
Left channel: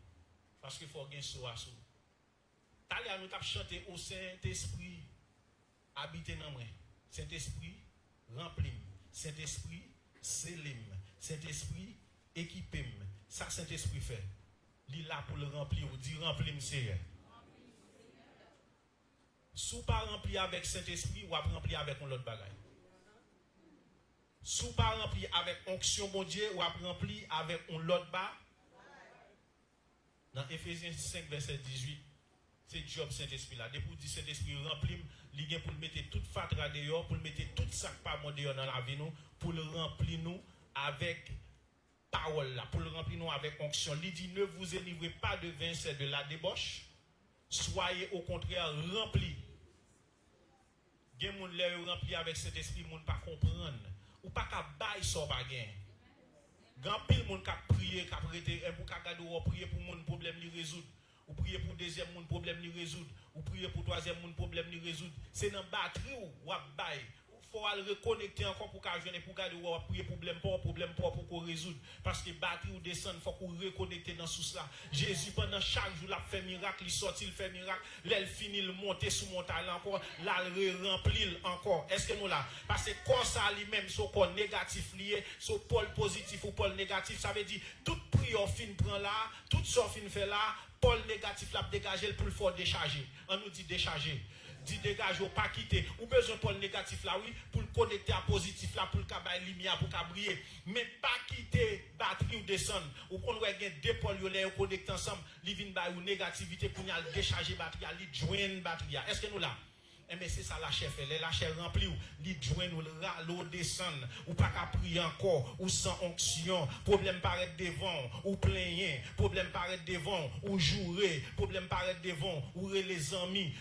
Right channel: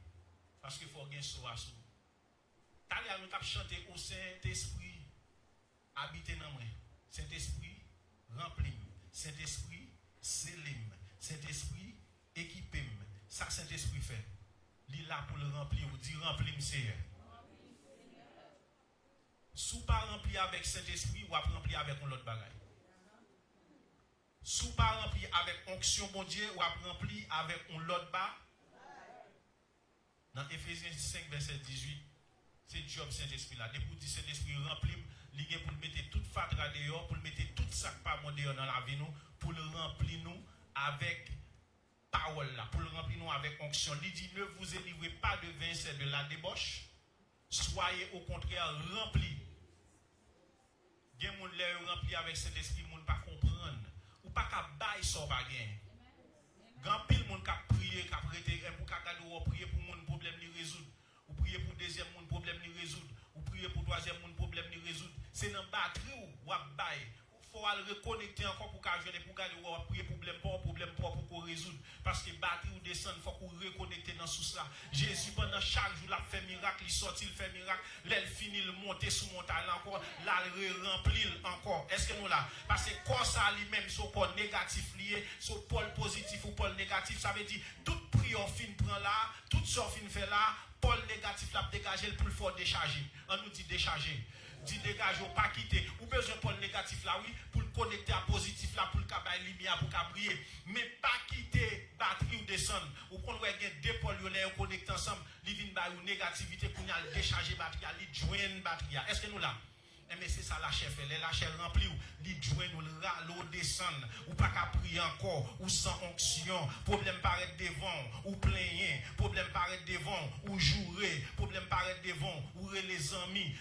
parce qu'il faut gagner sous à sous. Allez, nous avons chanté au Saint-Esprit, habitez dans moi. Saint-Esprit, remplis. Saint-Esprit, scellez. Saint-Esprit, équipez-moi. Ça, Saint-Esprit fait. Il est là pour le remplir. On dit remplis, Seigneur. Si vous ne pas rempli avec Saint-Esprit, ou rempli avec un autre bagage. Si vous ne pas rempli avec onction, bon Dieu, ou rempli avec un autre bagage. Dans Éphésiens 5, verset 18, c'est job Saint-Esprit là. Depuis que Saint-Esprit remplit, il y a pour le mettre toute fatra dehors, pour le mettre tout sac pas mon dehors dans la vie, nous, pour le remplir nous avec parole là, pour le remplir nous avec onction. Il dit, ne vous élivrez pas de vin, c'est de la débauche. Soyez au contraire remplis. Il y a des gens qui sont remplis avec cet esprit, ils ne pas comprendre. Ou pas qu'à bailler sans pas gagner. Grand pile monde qui a prié, qui a prêté, et pour qu'à prier pour mon problème li résoudre. Ou prier pour deuxième mon problème li résoudre. Ou prier pour troisième mon problème li résoudre. C'est dans batterie ou à bailler. Faut aller reconnecter encore pour qu'à jeune pour garder ou prier problème pour qu'on résoudre parce que batterie ou descend faut qu'on reconnecter dans tout ça. Jésus pendant chaque jour l'a fait miracle, il sorti, il fait miracle, l'elle finit le monter sous montagne encore, là le remplir encore. Est-ce que nous là parce que quand ça lui-même son pôle négatif lié, son pôle positif ou pôle négatif, ça veut dire toute prière fin prend là, toute sorte fin fait là, pôle négatif l'a dégager pour le fort décharger. On nous dit décharger. Dit dégage ou pas quitter ou besoin pôle négatif là oui pour connecter à positif là, pour le cabaye lumière, pour le briller. Mais pas quitter batterie ou descendre. Ou qu'on va gagner deux pôles, ils connecter ensemble, ils viennent par une négativité pour nous décharger batterie, ils joignent batterie. Est-ce que nous là? Mais c'est ça la chef, la chef remplie, il joint nous l'eau descend, ou pas qu'à prier encore, ou sans onction, problème paraître devant, ou plaigner, problème paraître devant, ou jouer, problème paraître devant, ou les amis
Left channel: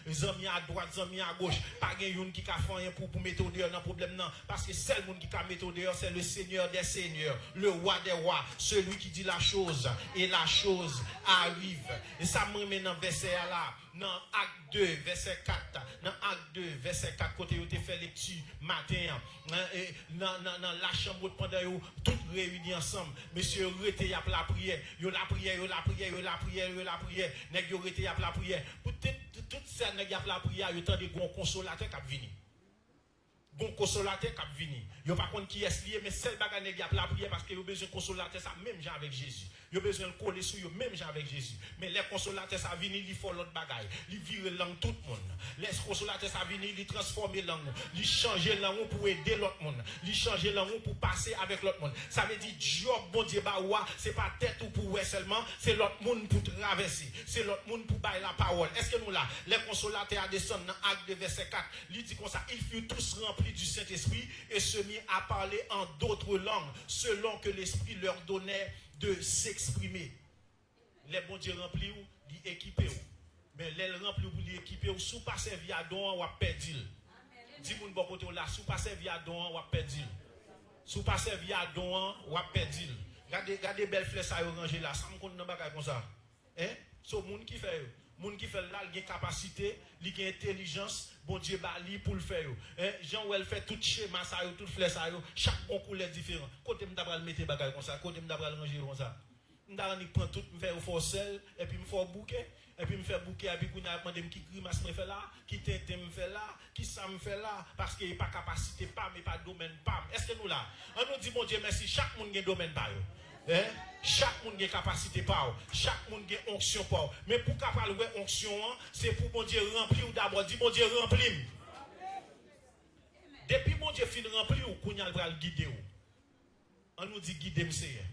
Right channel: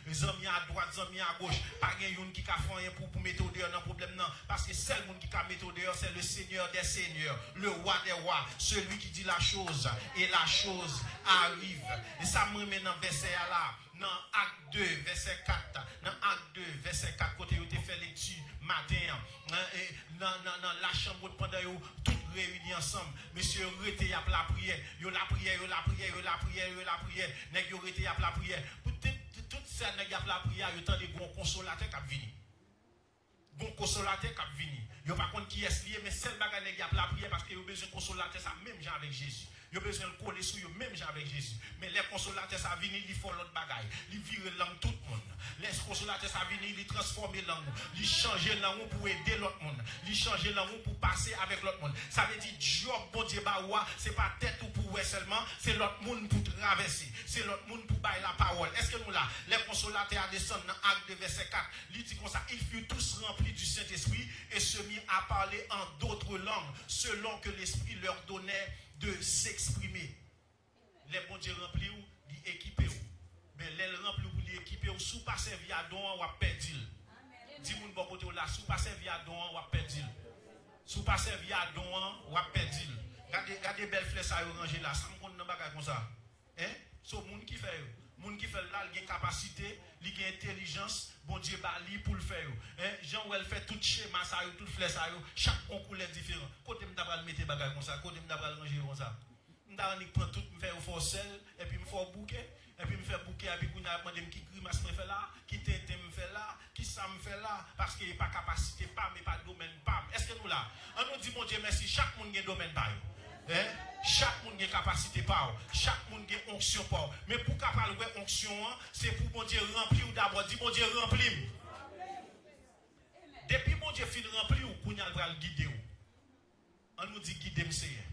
à droite, les amis à gauche, pas de yon qui a fait pour mettre dehors dans problème non, parce que c'est le monde qui a mettre dehors, c'est le Seigneur des seigneurs, le roi des rois, celui qui dit la chose, et la chose arrive. Et ça me met dans le verset là. Dans Acte 2, verset 4, dans Acte 2, verset 4, côté où tu fait lecture matin, dans la chambre pendant tout réunis ensemble, monsieur, rete à la prière, yo la prière, nèg yo rete à la prière, toute ça nèg à la prière, yo tant de bon consolateur qui vient. Bon consolateur qui vient. Yo pas contre qui est lié, mais seul bagage nèg à la prière parce que yo besoin de consolateur ça même gens avec Jésus. Yo besoin de coller sur yo même gens avec Jésus. Mais les consolateurs ça vient, ils font l'autre bagaille. Ils virent langue tout le monde. Les consolateurs ça vient, ils transformer langue, ils changer langue pour aider l'autre monde. Ils changer langue pour passer avec l'autre monde. Ça veut dire job bon Dieu ba wa, c'est pas tête ou pour ouais seulement, c'est l'autre monde pour traverser. C'est l'autre monde pour bailler la parole. Est-ce que nous là, les consolateurs descendent dans Acte 2 verset 4, ils disent comme ça, ils furent tous remplis du Saint-Esprit et se mit à parler en d'autres langues selon que l'Esprit leur donnait de s'exprimer. Les bons Dieu remplis ou, ils équipés ou. Mais les remplis ou, ils équipés ou, sous pas servi à don, ou à perdre. Dis-moi bon côté là, sous pas servi à don, ou à perdre. Sous pas servi à don, ou à perdre. Regardez belles flèches à ranger là, ça me compte dans bagage comme ça. Hein? C'est le monde qui fait. Moun qui fait là, il a capacité, il a intelligence, bon Dieu bali pour le faire. Jean ou elle fait tout schéma ça, tout flèche ça, chaque concours est différent. Côté m'ta pral mettre bagage comme ça, côté m'ta pral ranger comme ça. M'ta ni prend tout, me faire forcel et puis me faire bouquet, et puis me faire bouquet et puis qu'on a demandé qui grimace me fait là, qui tente me fait là, qui ça me fait là parce qu'il pas capacité pas mais pas domaine pas. Est-ce que nous là, on nous dit mon Dieu merci, chaque monde a domaine pas. Chaque monde a capacité pas, chaque monde a onction pas. Mais pour capable de onction, c'est pour mon Dieu remplir ou d'abord dit mon Dieu remplir. Depuis mon Dieu fin remplir ou qu'on a le guider ou. On nous dit guider Seigneur.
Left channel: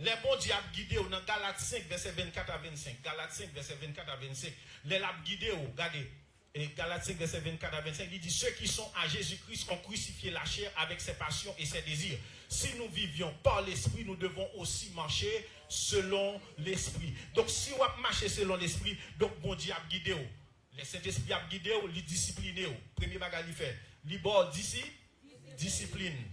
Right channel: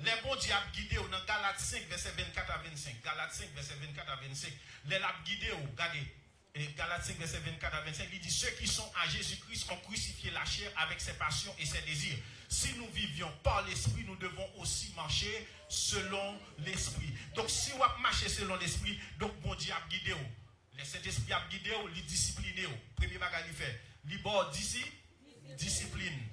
Les bons Dieu a guidé ou dans Galates 5 verset 24 à 25. Galates 5 verset 24 à 25. Les l'a guidé ou regardez. Et Galates 5 verset 24 à 25 il dit ceux qui sont à Jésus-Christ ont crucifié la chair avec ses passions et ses désirs. Si nous vivions par l'esprit, nous devons aussi marcher selon l'esprit. Donc si on marche selon l'esprit, donc bon Dieu a guidé ou. Le Saint-Esprit a guidé ou, il discipliné ou. Premier bagage il fait. Il bord d'ici, discipline.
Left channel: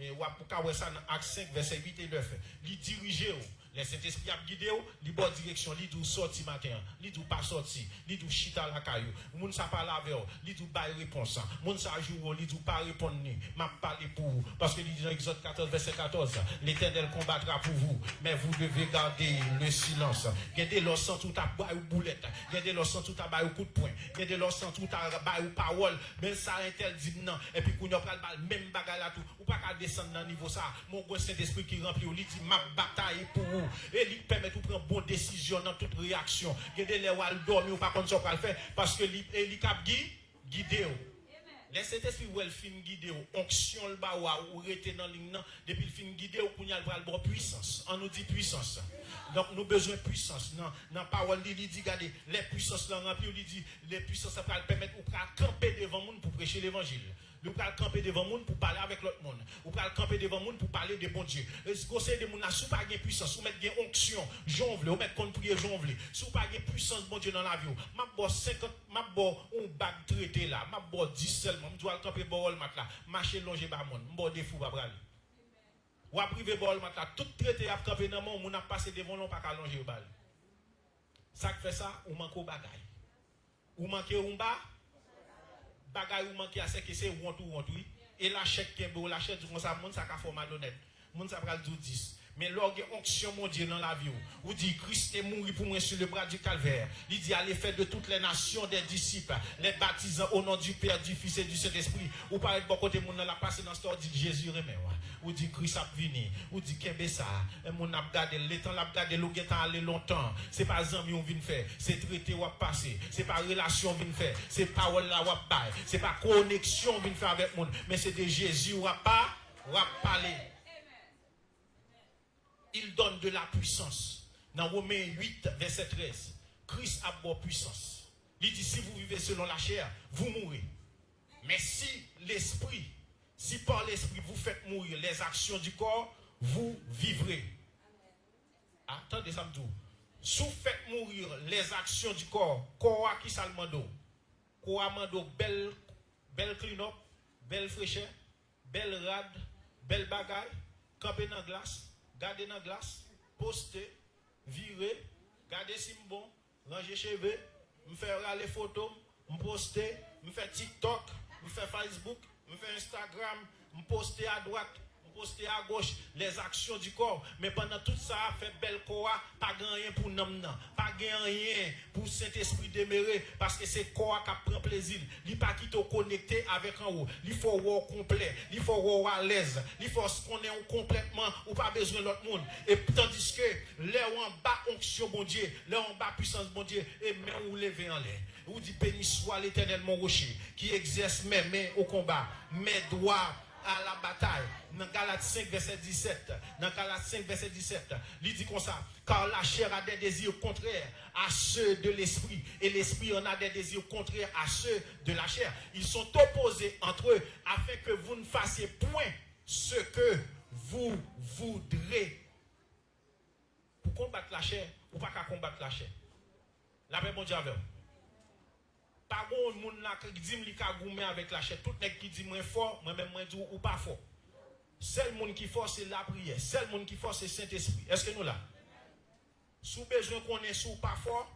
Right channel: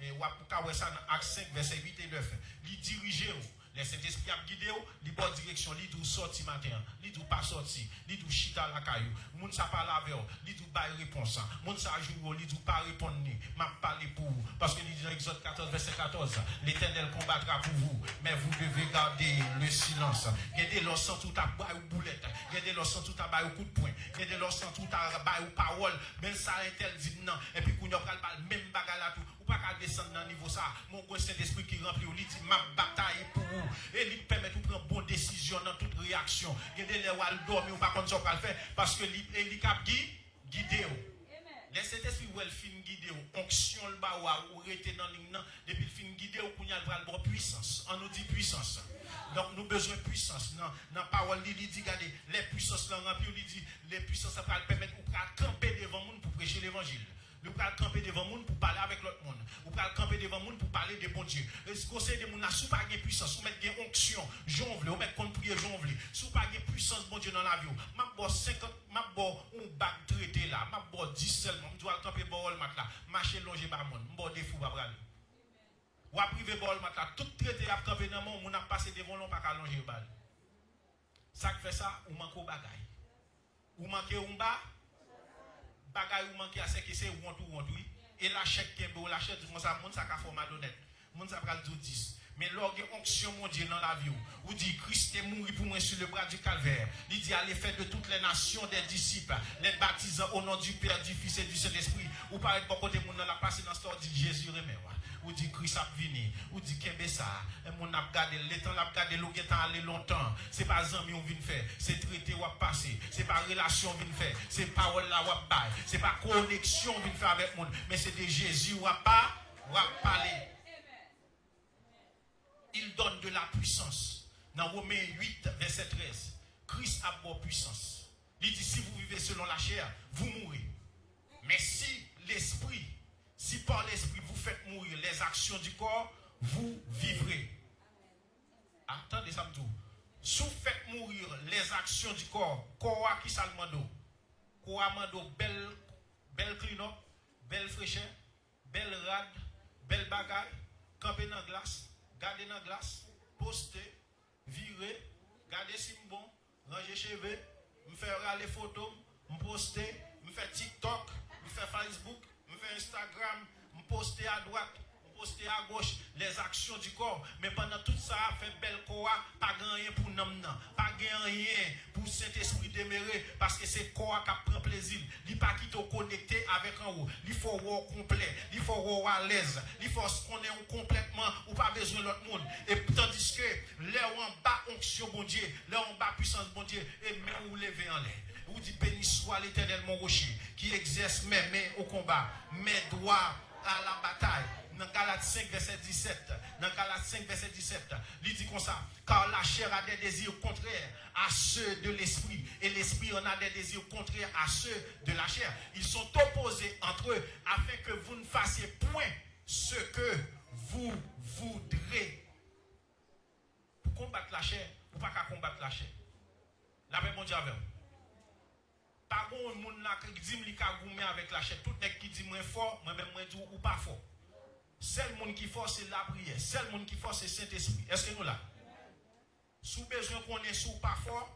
Et on peut ça dans Acte 5 verset 8 et 9. Il dirige ou. Le Saint-Esprit a guidé ou, il bonne direction, il dit sorti matin, il dit pas sorti, il dit chita la caillou, moun sa parle avec ou, il dit pas réponse, moun sa joue, il dit pas répondre ni, m'a parlé pour vous, parce que il dit dans Exode 14 verset 14, l'Éternel combattra pour vous, mais vous devez garder le silence. Gardez leur sang tout à bas ou boulette, gardez leur sang tout à bas ou coup de poing, gardez leur sang tout à bas ou parole, même ça intel dit non, et puis qu'on y a pas le même bagarre là tout, ou pas qu'à descendre dans niveau ça, mon Saint-Esprit qui remplit, il dit ma bataille pour vous. Et il permet de prendre bonne décision dans toute réaction. Il y a des gens qui dorment ou pas contre ce qu'on fait parce que il cap guidé. Les Saint-Esprit où elle fin guidé onction le ba ou rester dans ligne depuis fin guidé ou qu'on y a le bon puissance. On nous dit puissance. Donc nous besoin de puissance. Dans parole il dit regardez les puissances dans rempli il dit les puissances ça va permettre ou camper devant monde pour prêcher l'évangile. Nous pouvons camper devant le monde pour parler avec l'autre monde. Nous pouvons camper devant le monde pour parler de bon Dieu. Si vous avez des gens qui n'ont pas de puissance, vous mettez une onction, jongle, vous mettez qu'on prie jongle. Si vous n'avez pas de puissance, bon Dieu, dans la vie, je vais 50, je vais un bac traité là, je vais 10 seulement, je dois camper pour le mat là, marcher longer par le monde, je vais des fous pour aller. Ou à priver pour le mat là, tout traité à camper dans le monde, on a passé devant l'on, pas qu'à longer le bal. Ça fait ça, ou manque au bagaille. Ou manque un bas. Bagay ou manqué à ce que c'est want oui et la chèque qui est beau la chèque tout ça monde ça ka forme malhonnête monde ça pral 10 Mais lorsque onction mon Dieu dans la vie, vous dit Christ est mort pour moi sur le bras du calvaire. Il dit allez faire de toutes les nations des disciples, les baptisant au nom du Père, du Fils et du Saint-Esprit. Ou parlez de bon côté, mon la passé dans ce dit Jésus remet. Ou dit Christ a venu, ou dit qu'est ça, et mon a gardé, le temps a gardé, le temps allé longtemps. C'est pas amis on vient faire, c'est traité ou passer, c'est pas relation on vient faire, c'est parole là ou bail, c'est pas connexion on vient faire avec monde, mais c'est de Jésus ou pas, ou parler. Il donne de la puissance. Dans Romains 8, verset 13, Christ a pour puissance. Il dit si vous vivez selon la chair, vous mourrez. Mais si l'esprit, si par l'esprit vous faites mourir les actions du corps, vous vivrez. Attendez ça me dit. Si vous faites mourir les actions du corps, corps qui ça le mando? Corps mando belle clean up, belle fraîcheur, belle rade, belle bagaille, camper dans la glace, garder dans la glace, poster, virer, garder si bon, ranger cheveux, me faire les photos, me poster, me faire TikTok, me faire Facebook, me faire Instagram, me poster à droite, me poster à gauche, les actions du corps. Mais pendant tout ça, fait belle corps, pas rien pour nous, pas rien pour Saint-Esprit demeurer, parce que c'est corps qui prend plaisir. Il pas qui te connecté avec en haut. Il faut voir complet, il faut voir à l'aise, il faut se connaître complètement, ou pas besoin de l'autre monde. Et tandis que là en bas onction bon Dieu, là en bas puissance bon Dieu, et même vous levez en l'air. Vous dites béni soit l'Éternel mon rocher, qui exerce mes mains au combat, mes doigts à la bataille. Dans Galates 5, verset 17. Dans Galates 5, verset 17. Il dit comme ça. Car la chair a des désirs contraires à ceux de l'esprit. Et l'esprit en a des désirs contraires à ceux de la chair. Ils sont opposés entre eux afin que vous ne fassiez point ce que vous voudrez. Pour combattre la chair, ou pas qu'à combattre la chair. La paix, bon Dieu, avec vous. Pas bon monde qui dit que avec la chair. Tout le monde qui dit moins fort, moi-même moi dis ou pas fort. Seul monde qui fort c'est la prière. Seul monde qui fort c'est Saint-Esprit. Est-ce que nous là? Sous besoin qu'on est sous pas fort,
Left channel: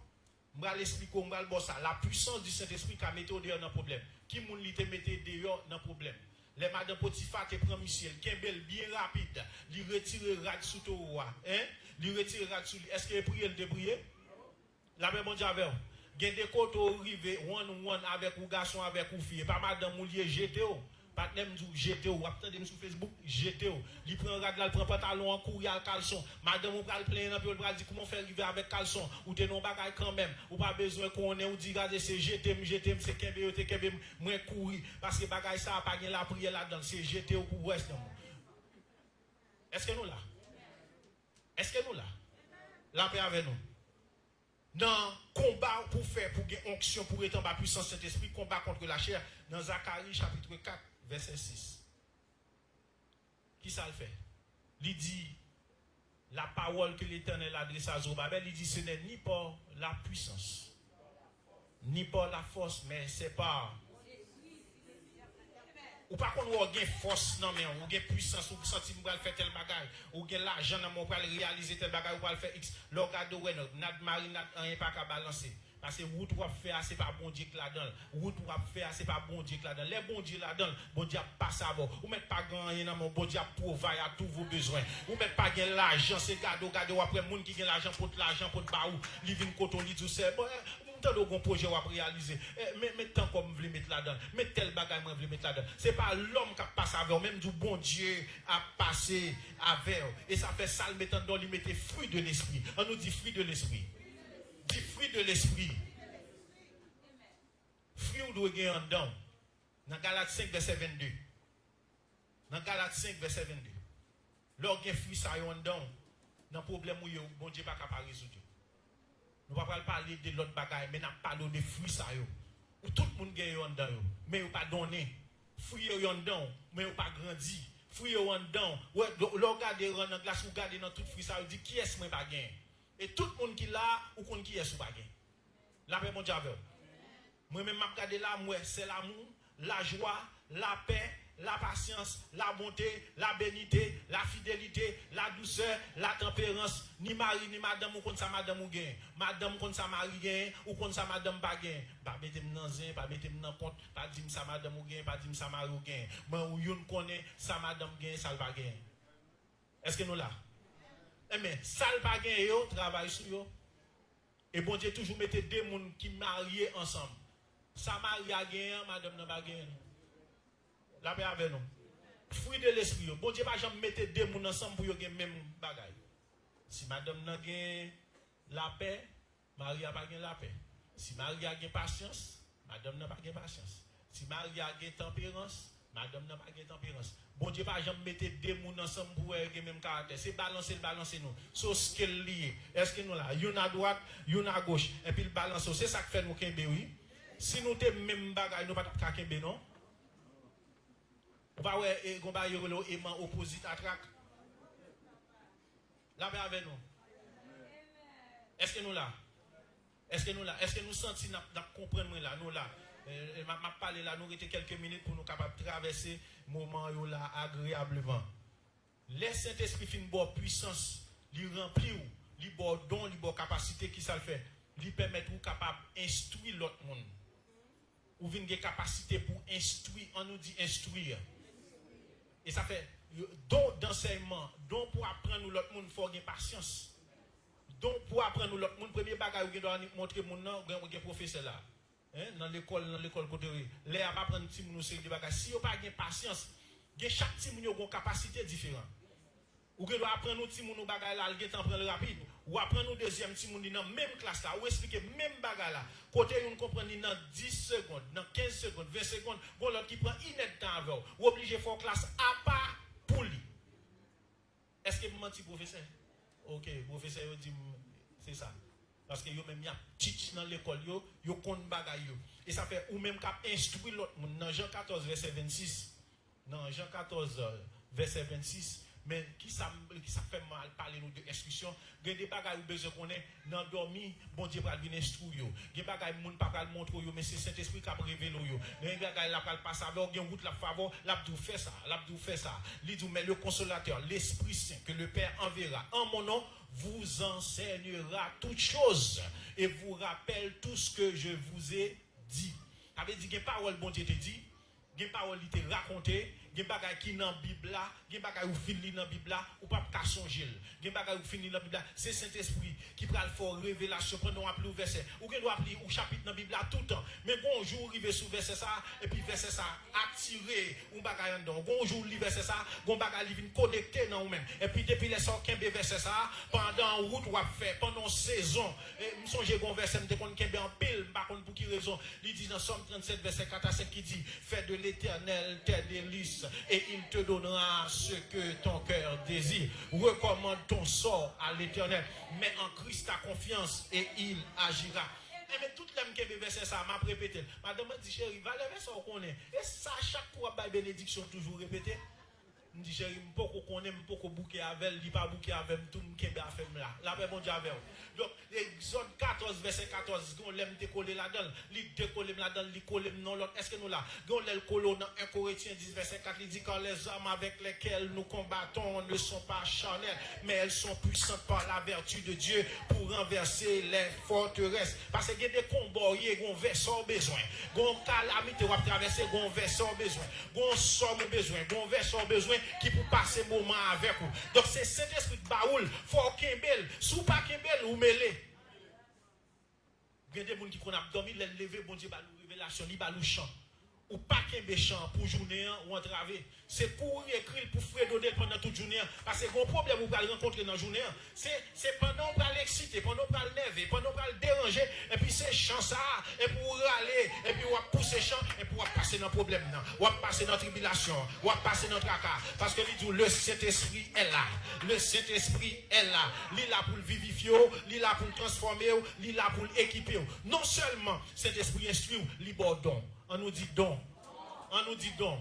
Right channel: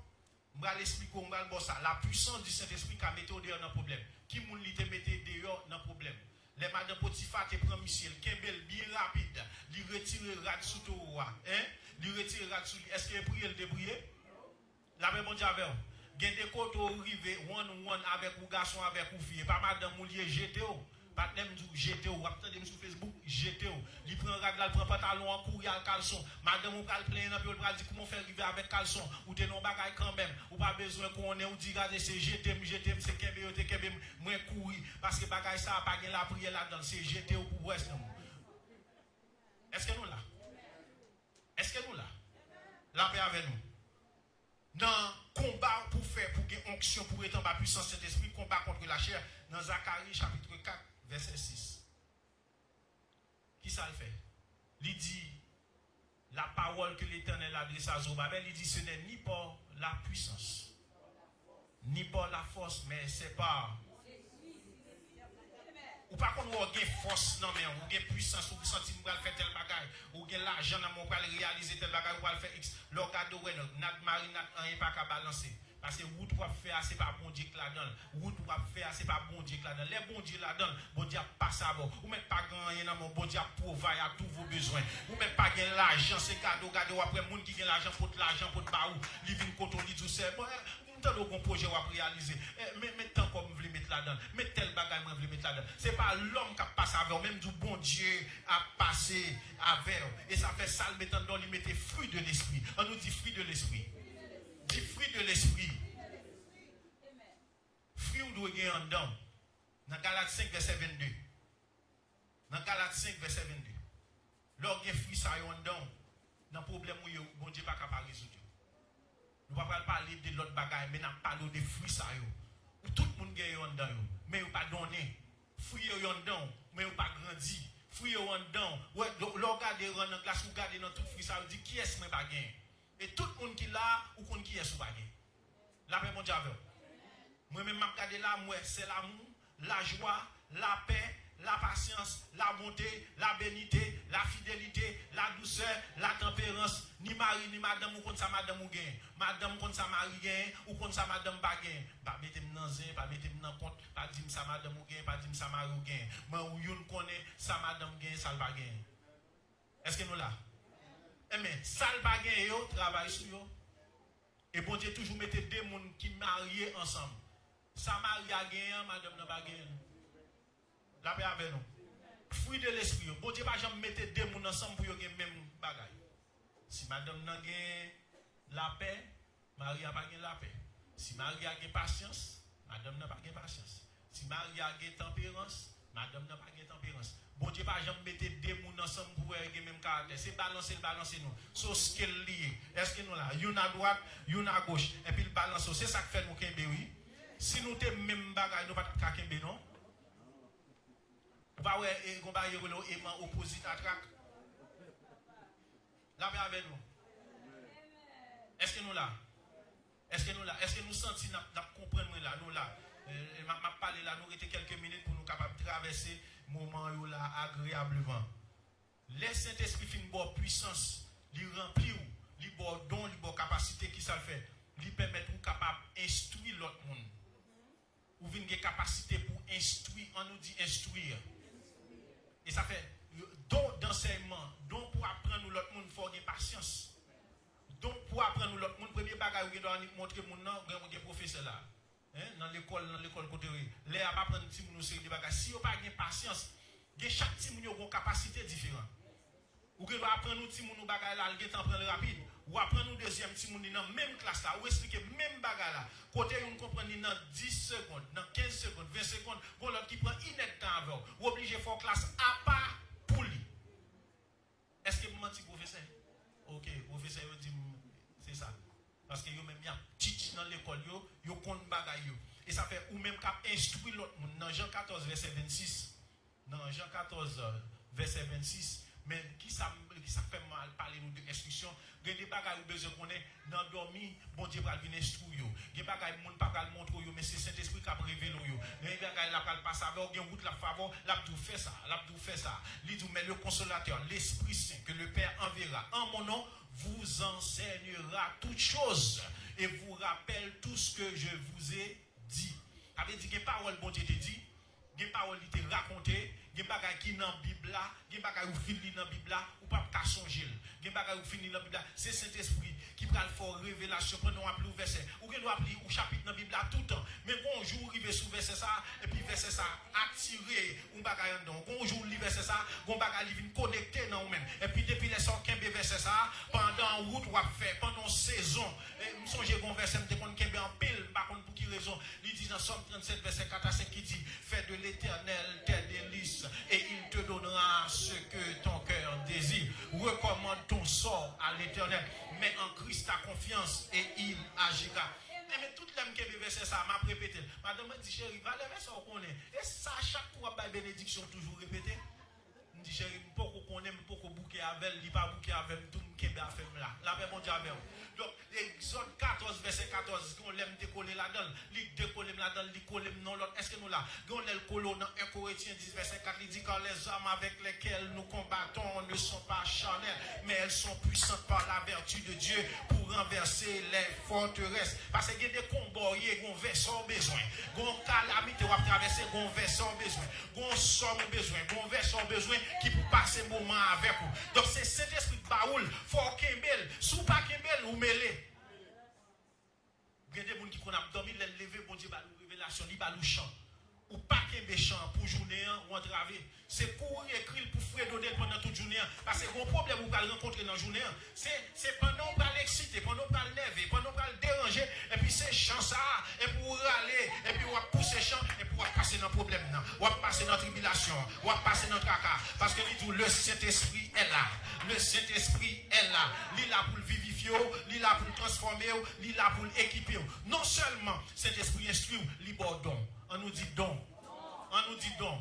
je vais l'expliquer, je vais le boss. La puissance du Saint-Esprit qui a mis dehors dans le problème. Qui moun li te mette dehors dans le problème? Les madame Potiphar qui prend Michel, qui est bien rapide, il retire le rad sous toi, hein? Il retire le rad sous lui. Est-ce qu'il prie le débrier? La même bon Dieu avec vous. Il y a des côtes arrivés, one avec un garçon, avec une fille. Pas madame Moulier, GTO. Pas même du GTO. Attendez sur Facebook, GTO. Il prend un rad, il prend pantalon en courrier à caleçon. Madame, vous parlez plein, puis vous dit comment faire arriver avec caleçon. Ou t'es non bagaille quand même. Ou pas besoin qu'on ait, ou dit, regardez, c'est GTM, c'est Kembe, moins courir. Parce que bagaille ça, pas la prière là-dedans. C'est GTO pour Ouest. Est-ce que nous là? Est-ce que nous là? La paix avec nous. Dans combat pour faire, pour gagner onction, pour être en bas puissance Saint-Esprit, combat contre la chair, dans Zacharie chapitre 4, verset 6. Qui ça le fait? Il dit, la parole que l'Éternel adresse à Zorobabel, il dit, ce n'est ni par la puissance, ni par la force, mais c'est par... Ou pas qu'on a une force, non, mais on a une puissance, ou sentir qu'on va faire tel bagage, ou on a l'argent, on va réaliser tel bagage, ou va faire X. L'orgade, notre mari n'a rien pas qu'à balancer. Parce que route va faire, c'est pas bon Dieu qui la donne. Route va faire, c'est pas bon Dieu qui la donne. Les bons Dieu la donne, bon Dieu passe à bord. Ou mettez pas gagner dans mon bon Dieu provide à tous vos besoins. Ou mettez pas gagner l'argent, c'est cadeau, après, monde qui gagne l'argent pour l'argent, pour baou, living coton, dit tout ça. Tant de projet à réaliser. Mais tant comme vous voulez mettre là-dedans. Mais tel bagage vous voulez mettre là-dedans. C'est pas l'homme qui passe avec, même du bon Dieu a passé avec. Et ça fait ça, le mettant dans, il mettait fruit de l'esprit. On nous dit fruit de l'esprit. Dit fruit de l'esprit. Fruit ou doit gagner en dedans. Dans Galates 5, verset 22. Dans Galates 5, verset 22. Lorsque fruit ça y en dedans, dans le problème où bon Dieu n'est pas capable de résoudre. Nous ne pouvons pas parler de l'autre bagaille, mais nous parlons de fruits ça yo. Où tout le monde gagne en dedans, mais vous pas donné. Fruits yo en dedans, mais vous pas grandi. Fruits yo en dedans, ouais, regardez dans glace, vous regardez dans tout fruit ça, vous dit qui est-ce qui pas gagné. Et tout le monde qui là, ou qu'on qui est-ce qui pas gagné. La paix mon Dieu. Moi-même, je regarde là, moi, c'est l'amour, la joie, la paix, la patience, la bonté, la bénité, la fidélité, la douceur, la tempérance. Ni mari, ni madame, ou contre ça, madame ou gain. Madame contre ça, mari gain, ou contre ça, madame pas gain. Pas mettez-moi dans zin, pas mettez-moi dans compte, pas dire ça, madame ou gain, pas dire ça, mari ou gain. Moi, ou yon connaît, ça, madame gain, ça, va gain. Est-ce que nous là? Mais ça le pas gagné yo travail sur yo. Et bon Dieu toujours mettait deux monde qui mariés ensemble. Ça marie a gagné, madame n'a pas gagné. La paix avec nous. Fruit de l'esprit. Bon Dieu pas jamais mettre deux monde ensemble pour yo gagner même bagaille. Si madame n'a gagné la paix, Marie n'a pas gagné la paix. Si Marie a gagné patience, madame n'a pas gagné patience. Si Marie a gagné tempérance, madame n'a pas gagné tempérance. Bon Dieu pas jamais mettre deux monde ensemble pour gagner même caractère. C'est balancer nous. So ce qu'elle lié. Est-ce que nous là, une à droite, une à gauche et puis le balance, c'est ça qui fait nous kembe oui. Si nous te même bagaille nous pas ta kembe non. Va ouais et gon ba yoro aimant opposite à track. La paix avec nous. Est-ce que nous là? Est-ce que nous sentons comprendre là nous là? M'a parlé là nous rester quelques minutes pour nous capables de traverser moment là agréablement. Laisse Saint-Esprit fin bonne puissance, lui remplir ou, lui bon don, lui bon capacité qui ça le fait, lui permettre ou capable instruire l'autre monde. Ou une capacité pour instruire, on nous dit instruire. Et ça fait don d'enseignement, don pour apprendre l'autre monde, il faut avoir patience. Don pour apprendre l'autre monde, premier bagage que doit montrer mon nom, un professeur là. Dans l'école côté les a pas prendre petit moun série de bagages si on pas gain patience de chaque petit moun a une capacité différente ou que doit apprendre petit moun bagage là il temps prendre rapide ou apprendre deuxième petit moun dans même classe là ou expliquer même bagage là côté on comprendre dans 10 secondes dans 15 secondes 20 secondes bon l'autre qui prend inet temps avec ou obligé faire classe à part pour lui. Est-ce que vous menti professeur? OK, professeur dit c'est ça. Parce que yo même y a teach dans l'école yo compte bagay yo et ça fait ou même cap instruire l'autre monde dans Jean 14 verset 26 dans Jean 14 verset 26 mais qui ça fait mal parler nous de instruction des bagay ou besoin connaît dans dormi bon Dieu va venir instruire yo des bagay monde pas va montrer yo mais c'est Saint-Esprit qui a révélé yo mais bagay la pas passer alors gen route la faveur l'a tout fait ça li tout mais le consolateur l'Esprit Saint que le Père enverra en mon nom vous enseignera toutes choses et vous rappelle tout ce que je vous ai dit. Ça veut dire que parole bon Dieu te dit, que parole il te raconté, que bagay qui dans Bible là, que bagay ou fini dans Bible là ou pas ta songer. Que bagay ou fini dans Bible là, c'est Saint-Esprit qui va le faire révélation pendant on appeler verset. Ou que doit appeler ou chapitre dans Bible là tout le temps. Mais bonjour arriver sous verset ça et puis verset ça attirer ou bagay dedans. Bonjour li verset ça, gon bagay li vinn connecter dans ou même. Et puis depuis les sort kembe verset ça pendant route ou a fait pendant saison. Et me songe gon verset me kon kembe en pile par contre pour qui raison? Il dit dans Somme 37 verset 4 à 5 qui dit fais de l'Éternel tes délices et il te donnera ce que ton cœur désire. Recommande ton sort à l'Éternel. Mets en Christ ta confiance et il agira. Et mais toute l'âme qui est versé ça, m'a répété. Madame m'a dit chérie, va le verset qu'on est. Et ça, chaque fois, la bénédiction toujours répété. Je dis chérie, je ne connais pas beaucoup bouquet avec, il pas bouquet avec tout le monde qui est à faire là. La paix bon Dieu avec vous. Donc, Exode 14, verset 14, on l'aime décoller là-dedans. Il décolle là-dedans, il colle non l'autre. Est-ce que nous là? On l'aime coller dans 1 Corinthiens 10, verset 4, il dit quand les hommes avec lesquels nous combattons ne sont pas charnels, mais elles sont puissantes par la vertu de Dieu pour renverser les forteresses. Parce qu'il y a des combats, il y a des versants besoin. Il y a des calamités qui vont traverser, il y a des versants besoin. Il y a des sommes besoin, il y a des versants besoin qui pour passer un moment avec vous. Donc c'est cet esprit de baoul, faut qu'il belle, sous pas qu'il belle ou mêlé. Il y a des gens qui ont dormi, les lever, bon Dieu, nous révélation, il va nous chant. Ou pas qu'il y ait chant pour journée ou entraver. C'est pour écrire, pour fredonner pendant toute journée. Parce que le problème que vous allez rencontrer dans la journée, c'est pendant qu'on va l'exciter, pendant qu'on va le lever, pendant qu'on va le déranger, et puis c'est chant ça, et pour aller, et puis on va pousser chant, et puis on va passer dans le problème, on va passer dans la tribulation, on va passer dans le tracas. Parce que le Saint-Esprit est là. Le Saint-Esprit est là. Il est là pour le vivifier, il est là pour le transformer, il est là pour l'équiper. Non seulement Saint-Esprit instruit, il est bon don. On nous dit don. On nous dit don.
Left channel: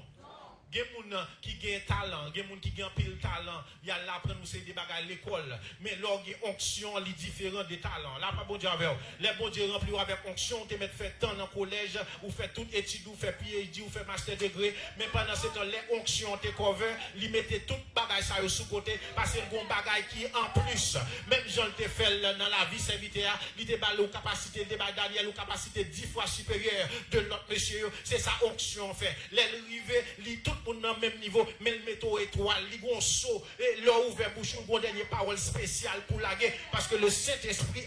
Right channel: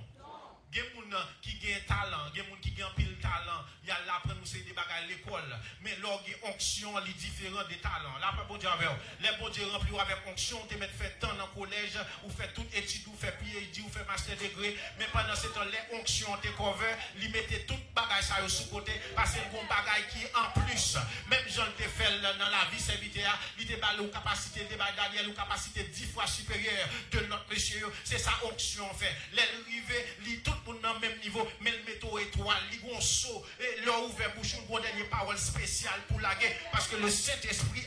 Il y a des gens qui ont talent, il y a des gens qui ont pile talent. Il y a là pour nous c'est des bagages à l'école. Mais là, il y a une onction différente des talents. Là, pas bon Dieu avec. Les bons Dieu remplis avec onction, tu mets fait temps dans le collège, ou fait toute étude, ou fait PhD, ou fait master degré. Mais pendant ce temps, les onctions te cover, ils mettaient tout bagage ça sous côté, parce que le bon bagage qui est en plus. Même Jean te fait dans la vie serviteur, il te balle aux capacités de Daniel, aux capacités 10 fois supérieures de notre monsieur. C'est ça onction fait. Les rivets, tout le monde dans le même niveau, mais le métaux étoile, ils vont morceau et leur ouvert bouche une dernière parole spéciale pour la guerre parce que le Saint-Esprit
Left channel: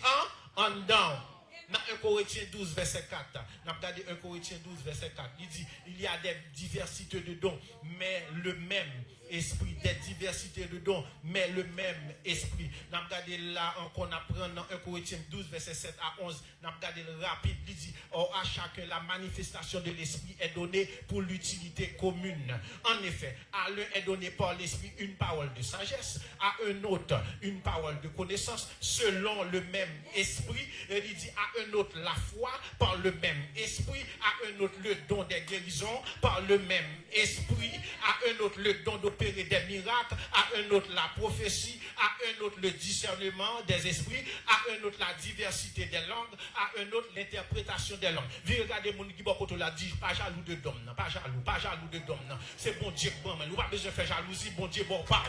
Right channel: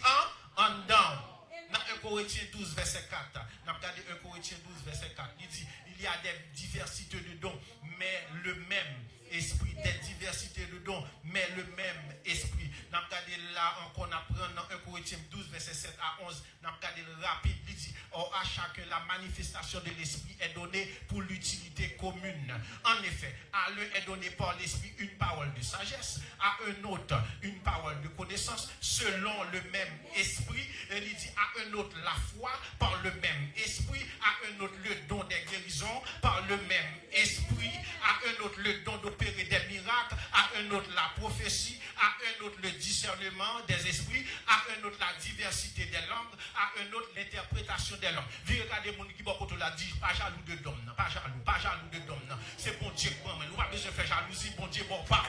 en dedans. Dans 1 Corinthiens 12, verset 4. Nous avons regardé 1 Corinthiens 12, verset 4. Il dit, il y a des diversités de dons, mais le même esprit. Des diversités de dons, mais le même esprit. Nous avons regardé là encore, on apprend dans 1 Corinthiens 12, verset 7 à 11. Nous avons regardé le rapide. Il dit, or à chacun la manifestation de l'esprit est donnée pour l'utilité commune. En effet, à l'un est donné par l'esprit une parole de sagesse, à un autre une parole de connaissance, selon le même esprit. Il dit à un autre la foi par le même esprit, à un autre le don des guérisons par le même esprit, à un autre le don d'opérer des miracles, à un autre la prophétie, à un autre le discernement des esprits, à un autre la diversité des langues, à un autre l'interprétation des langues. Vous regardez mon qui beaucoup l'a dit, pas jaloux de dom, pas jaloux de dom. C'est bon Dieu bon, nous pas besoin de faire jalousie, bon Dieu bon pas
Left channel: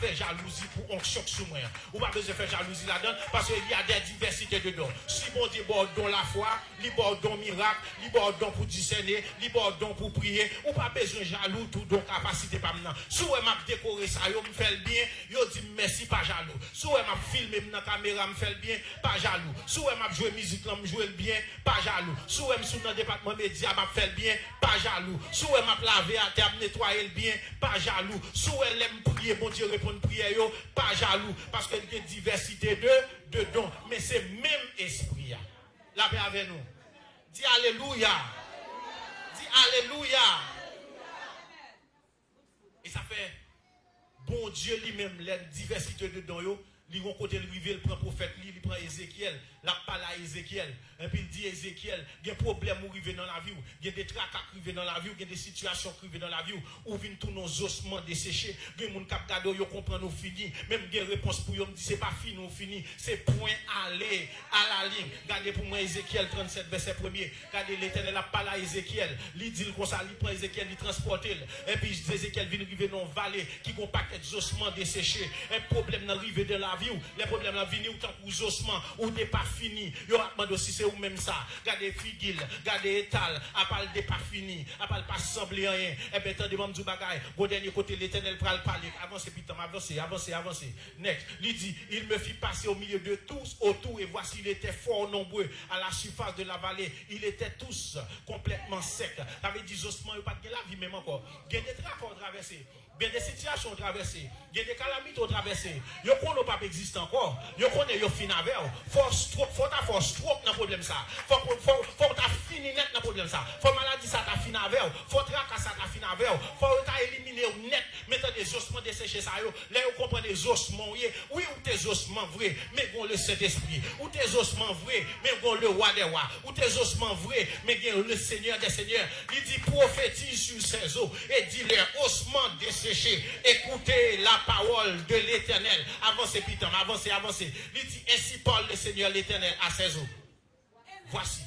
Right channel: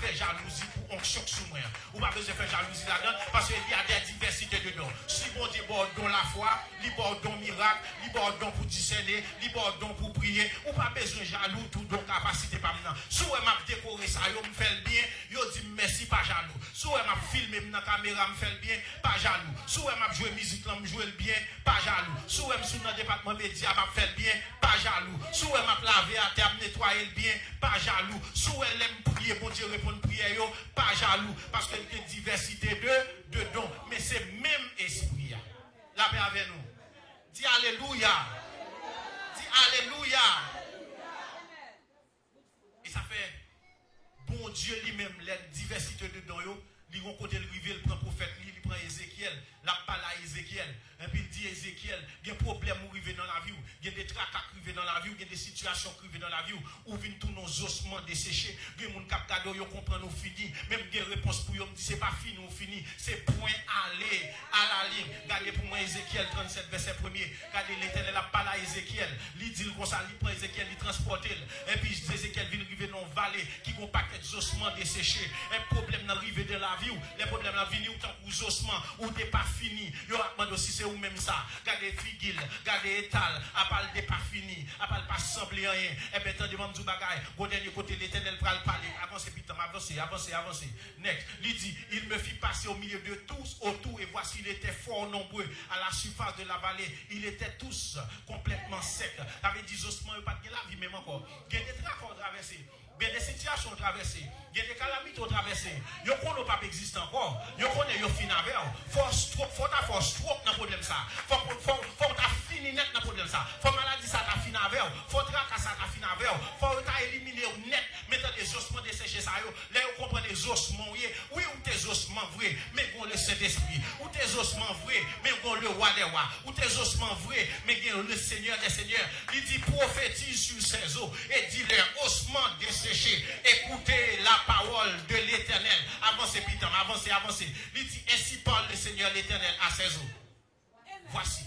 faire jalousie pour onction sur moi. Ou pas besoin de faire jalousie là-dedans parce qu'il y a des diversités de dons. Si bon Dieu bon don la foi, li bon don miracle, li bon don pour discerner, li bon don pour prier, ou pas besoin jaloux tout don capacité pas maintenant. Si on m'a décoré ça, yo me fait bien, yo dit merci pas jaloux. Si on m'a filmé dans caméra me fait bien, pas jaloux. Si on m'a joué musique là me jouer bien, pas jaloux. Si on m'a sur dans département média m'a fait bien, pas jaloux. Si on m'a lavé à terre nettoyer le bien, pas jaloux. Si on aime prier, bon Dieu répondre prière yo, pas jaloux parce qu'il y a une diversité de dons, mais c'est même esprit. La paix avec nous. Dis alléluia. Dis alléluia. Et ça fait bon Dieu lui-même, la diversité de dons, il vont côté rivière, il prend prophète, il prend Ézéchiel, la parle à Ézéchiel, et puis il dit Ézéchiel, il y a des problèmes qui arrivent dans la vie, il y a des tracas qui arrivent dans la vie, il y a des situations qui arrivent dans la vie, où viennent tous nos ossements desséchés, il y a des gens qui captent, ils comprennent nous fini, même il y a des réponses pour eux, ils disent c'est pas fini, nous fini, c'est point aller à la ligne. Regardez pour moi Ézéchiel 37, verset 1er, regardez l'Éternel la parle à Ézéchiel, il dit comme ça, il prend Ézéchiel, il transporte, et puis Ézéchiel vient arriver dans une vallée qui ont un paquet d'ossements desséchés, un problème n'arrive dans la vie, les problèmes dans la vie, autant que les ossements, ou des pas finis, il y aura demandé aussi c'est ou même ça, regardez Figil, regardez Étal, à part des pas finis, à part pas sembler rien, et bien, attendez, du bagaille, au dernier côté, l'Éternel va le parler, avancez, putain, avancez, next, il dit, il me fit passer au milieu de tous, autour, et voici, il était fort nombreux, à la surface de la vallée, ils étaient tous complètement secs, avec des ossements, il n'y a pas de la vie même encore, il y a des travaux traversés. Il y a des situations traversées, il y a des calamités traversées. Yo connaît pas existe encore. Yo connaît yo fin avec. Faut ta force trop dans problème ça. Faut ta fini net dans problème ça. Faut maladie ça ta fin avec. Faut tracas ça ta fin avec. Faut ta éliminer net mettre des ossements desséchés ça yo. Là vous comprenez les ossements oui ou tes ossements vrai mais gon le Saint-Esprit. Ou tes ossements vrai mais gon le roi des rois. Ou tes ossements vrai mais gon le Seigneur des seigneurs. Il dit prophétise sur ses eaux et dit les ossements desséchés. Écoutez la parole de l'Éternel. Avancez, putain, avancez. Il dit, ainsi parle le Seigneur l'Éternel à ses eaux. Voici,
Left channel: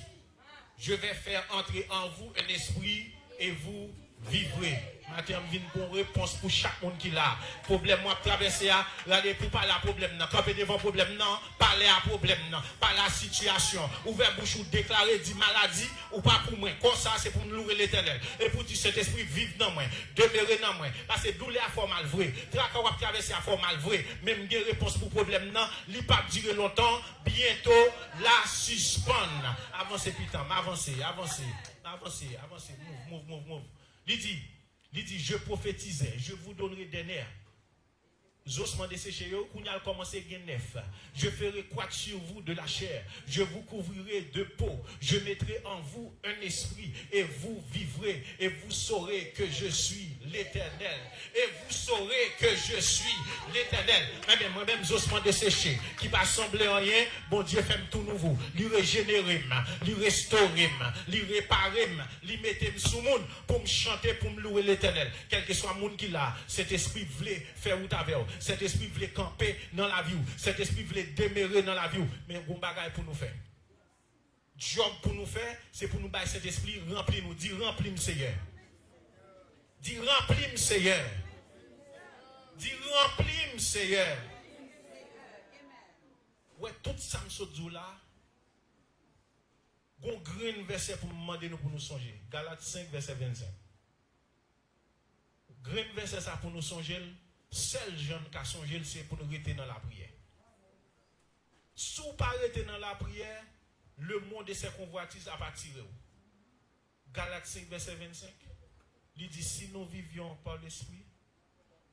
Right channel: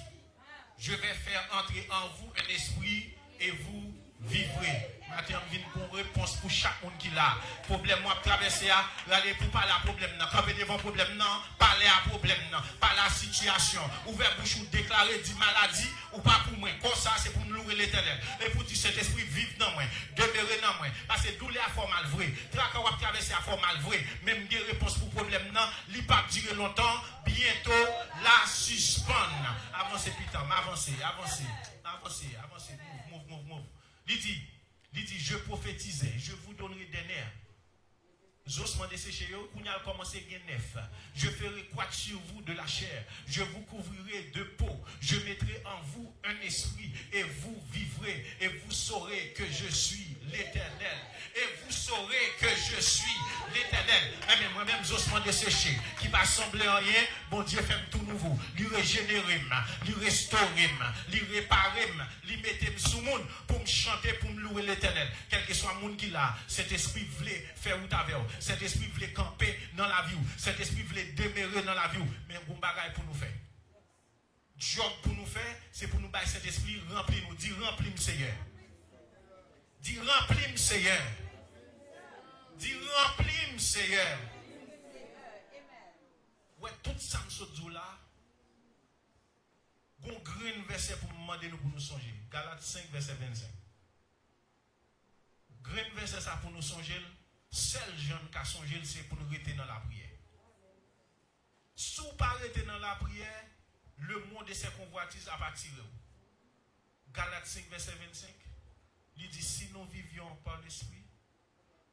je vais faire entrer en vous un esprit et vous vivrez. Maintenant, je viens pour réponse pour chaque monde qui l'a. Problème, moi, traverser, regardez pour parler à problème, camper devant problème, non, parler à problème, non, parler à situation, ouvert bouche ou déclarer, dit maladie, ou pas pour moi. Comme ça, c'est pour nous louer l'Éternel. Et pour dire cet esprit vive dans moi, demeurer dans moi. Parce que douleur à formal vrai, traquer ou traverser à formal vrai, même des réponses pour problème, non, il ne pas durer longtemps, bientôt, la suspendre. Avancez, putain, avancez, move. Il dit, je prophétisais, je vous donnerai des nerfs. Ossements desséchés, qu'on a commencé à neuf. Je ferai croître sur vous de la chair. Je vous couvrirai de peau. Je mettrai en vous un esprit et vous vivrez et vous saurez que je suis l'Éternel. Et vous saurez que je suis l'Éternel. Eh bien, moi-même, ossements desséchés, qui va sembler en rien, bon Dieu fait tout nouveau. Lui régénérer, lui restaurer, lui réparer, lui mettre sous monde pour me chanter, pour me louer l'Éternel. Quel que soit le monde qui l'a, cet esprit voulait faire ou t'avais. Cet esprit voulait camper dans la vie. Cet esprit voulait demeurer dans la vie. Mais un bon bagage pour nous faire. Job pour nous faire, c'est pour nous bailler cet esprit rempli nous. Dis remplis-moi Seigneur. Dis remplis-moi Seigneur. Dis remplis-moi Seigneur. Ouais, tout ça me saute là. Bon grand verset pour nous demander nous pour nous songer. Galates 5 verset 25. Grand verset ça pour nous songer. Seul jeune qui a songé, c'est pour nous rester dans la prière. Si vous ne pas rester dans la prière, le monde de ses convoitises a pas tiré. Galates 5, verset 25. Il dit, si nous vivions par l'esprit,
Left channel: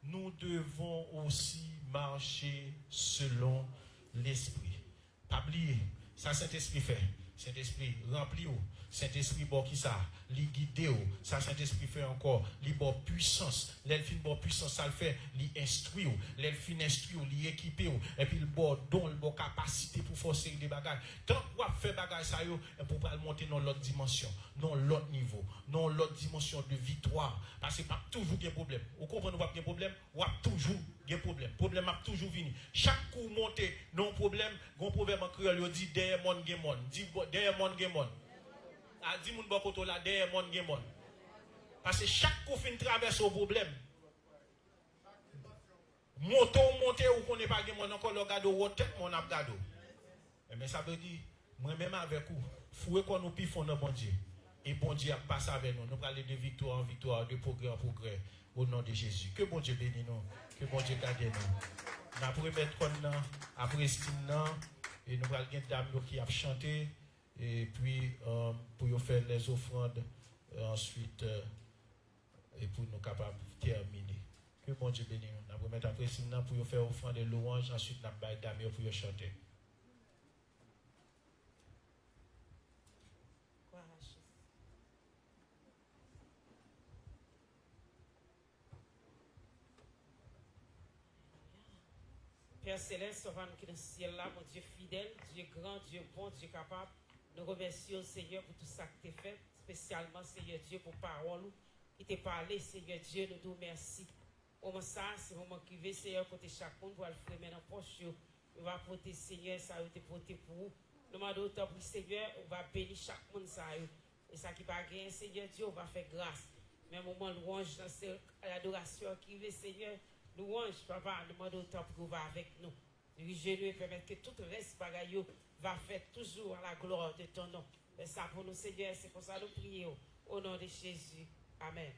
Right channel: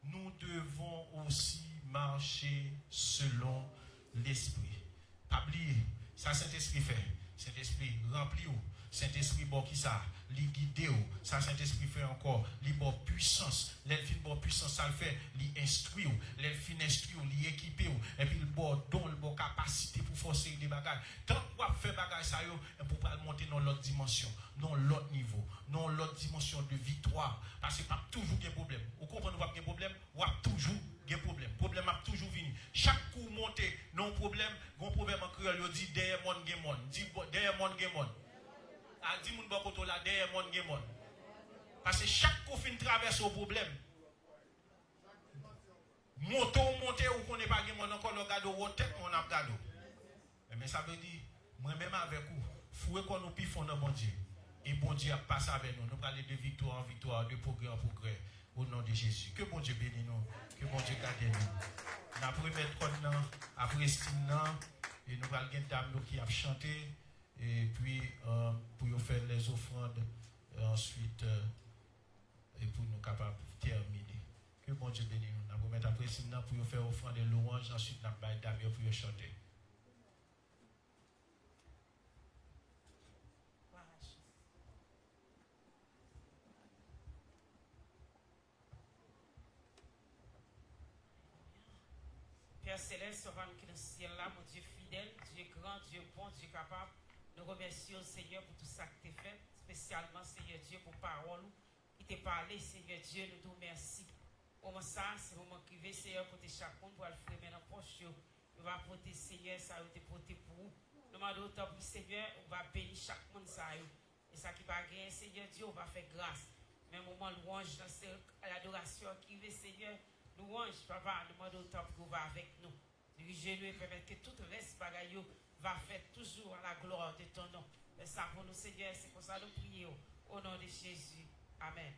nous devons aussi marcher selon l'esprit. Pas oublier, ça Saint-Esprit fait. Saint-Esprit remplit ou. Saint-Esprit bon qui ça, li guide ou. Ça Saint-Esprit fait encore, li bon puissance. L'elfin bon puissance ça le fait, li instruit ou. L'elfin instruit ou, li équipé ou. Et puis le bon don, le bon capacité pour forcer des bagages. Tant qu'on fait bagage ça yo, pour pas monter dans l'autre dimension, dans l'autre niveau, dans l'autre dimension de victoire. Parce que pas toujours des problèmes. Vous comprenez pas des problèmes, ou toujours des problèmes. Problème a toujours venu. Chaque coup monté, non problème, bon problème en créole, il dit derrière mon gemon, dit derrière mon gemon. A dit mon bokoto là derrière mon gemon. Parce que chaque coup fin traverse au problème. Monter ou qu'on n'est pas gemon encore le gado ou tête mon abgado. Mais ça veut dire moi même avec vous, fouet qu'on nous pifons dans bon Dieu. Et bon Dieu a passé avec nous. Nous allons de victoire en victoire, de progrès en progrès. Au nom de Jésus. Que bon Dieu bénisse nous. Que bon Dieu garde nous. Nous allons mettre compte après Stine. Et nous allons gagner dame qui a chanté. Et puis, pour faire les offrandes. Ensuite, et pour nous capables de terminer. Que bon Dieu bénisse nous. Nous allons mettre après Stine pour faire offrande de louange. Ensuite, nous allons mettre dame pour chanter. Père Céleste, sauvant-nous qui est dans le ciel là, mon Dieu fidèle, Dieu grand, Dieu bon, Dieu capable. Nous remercions Seigneur pour tout ça que tu as fait, spécialement Seigneur Dieu pour parole qui t'a parlé, Seigneur Dieu, nous te remercions. Au moment ça, c'est le moment qui veut, Seigneur, pour chaque monde, pour le faire dans la poche, on va porter Seigneur, ça va te porter pour vous. Nous demandons autant pour Seigneur, on va bénir chaque monde, ça. Et ça qui va gagner, Seigneur Dieu, on va faire grâce. Mais au moment louange, c'est l'adoration qui veut, Seigneur. Louange, papa, demande autant pour que vous avec nous. Dirigez-nous et permettez que tout le reste bagaille va faire toujours à la gloire de ton nom. Mais ça pour nous, Seigneur, c'est pour ça que nous prions. Au nom de Jésus. Amen.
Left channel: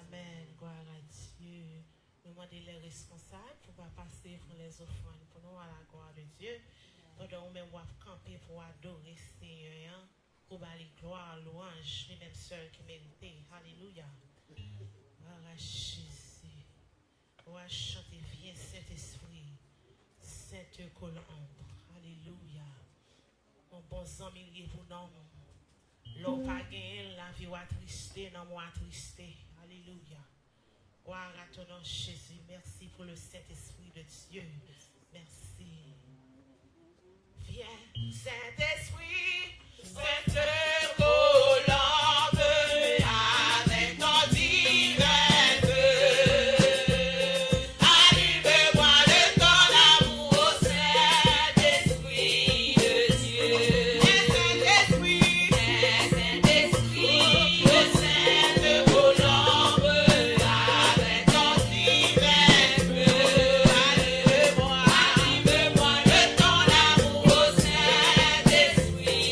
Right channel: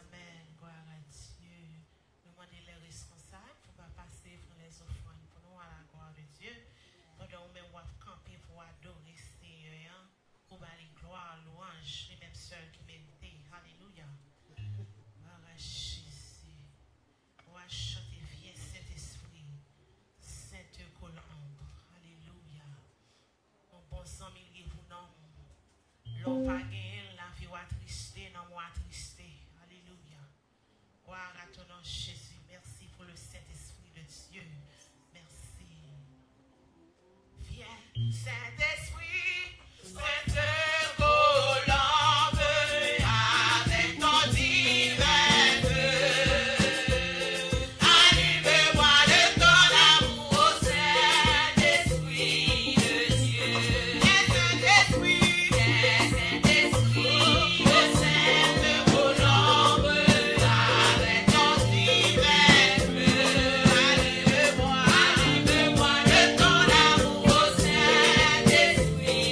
Amen. Gloire à Dieu. Demandez les responsables pour pas passer pour les offrandes. Pour nous, à la gloire de Dieu. Pendant nous même camper pour adorer Seigneur. Pour aller gloire, louange, les mêmes sœurs qui m'aiment. Alléluia. Gloire à Jésus. On va chanter, viens Saint-Esprit, Sainte Colombe, alléluia. Mon bon ami, vous non. L'on pas gagné, la vie va trister, non moi trister, alléluia. Gloire à ton nom, Jésus. Merci pour le Saint-Esprit de Dieu. Merci. Viens, Saint-Esprit, Sainte Colombe, avec mon divin. Esprit.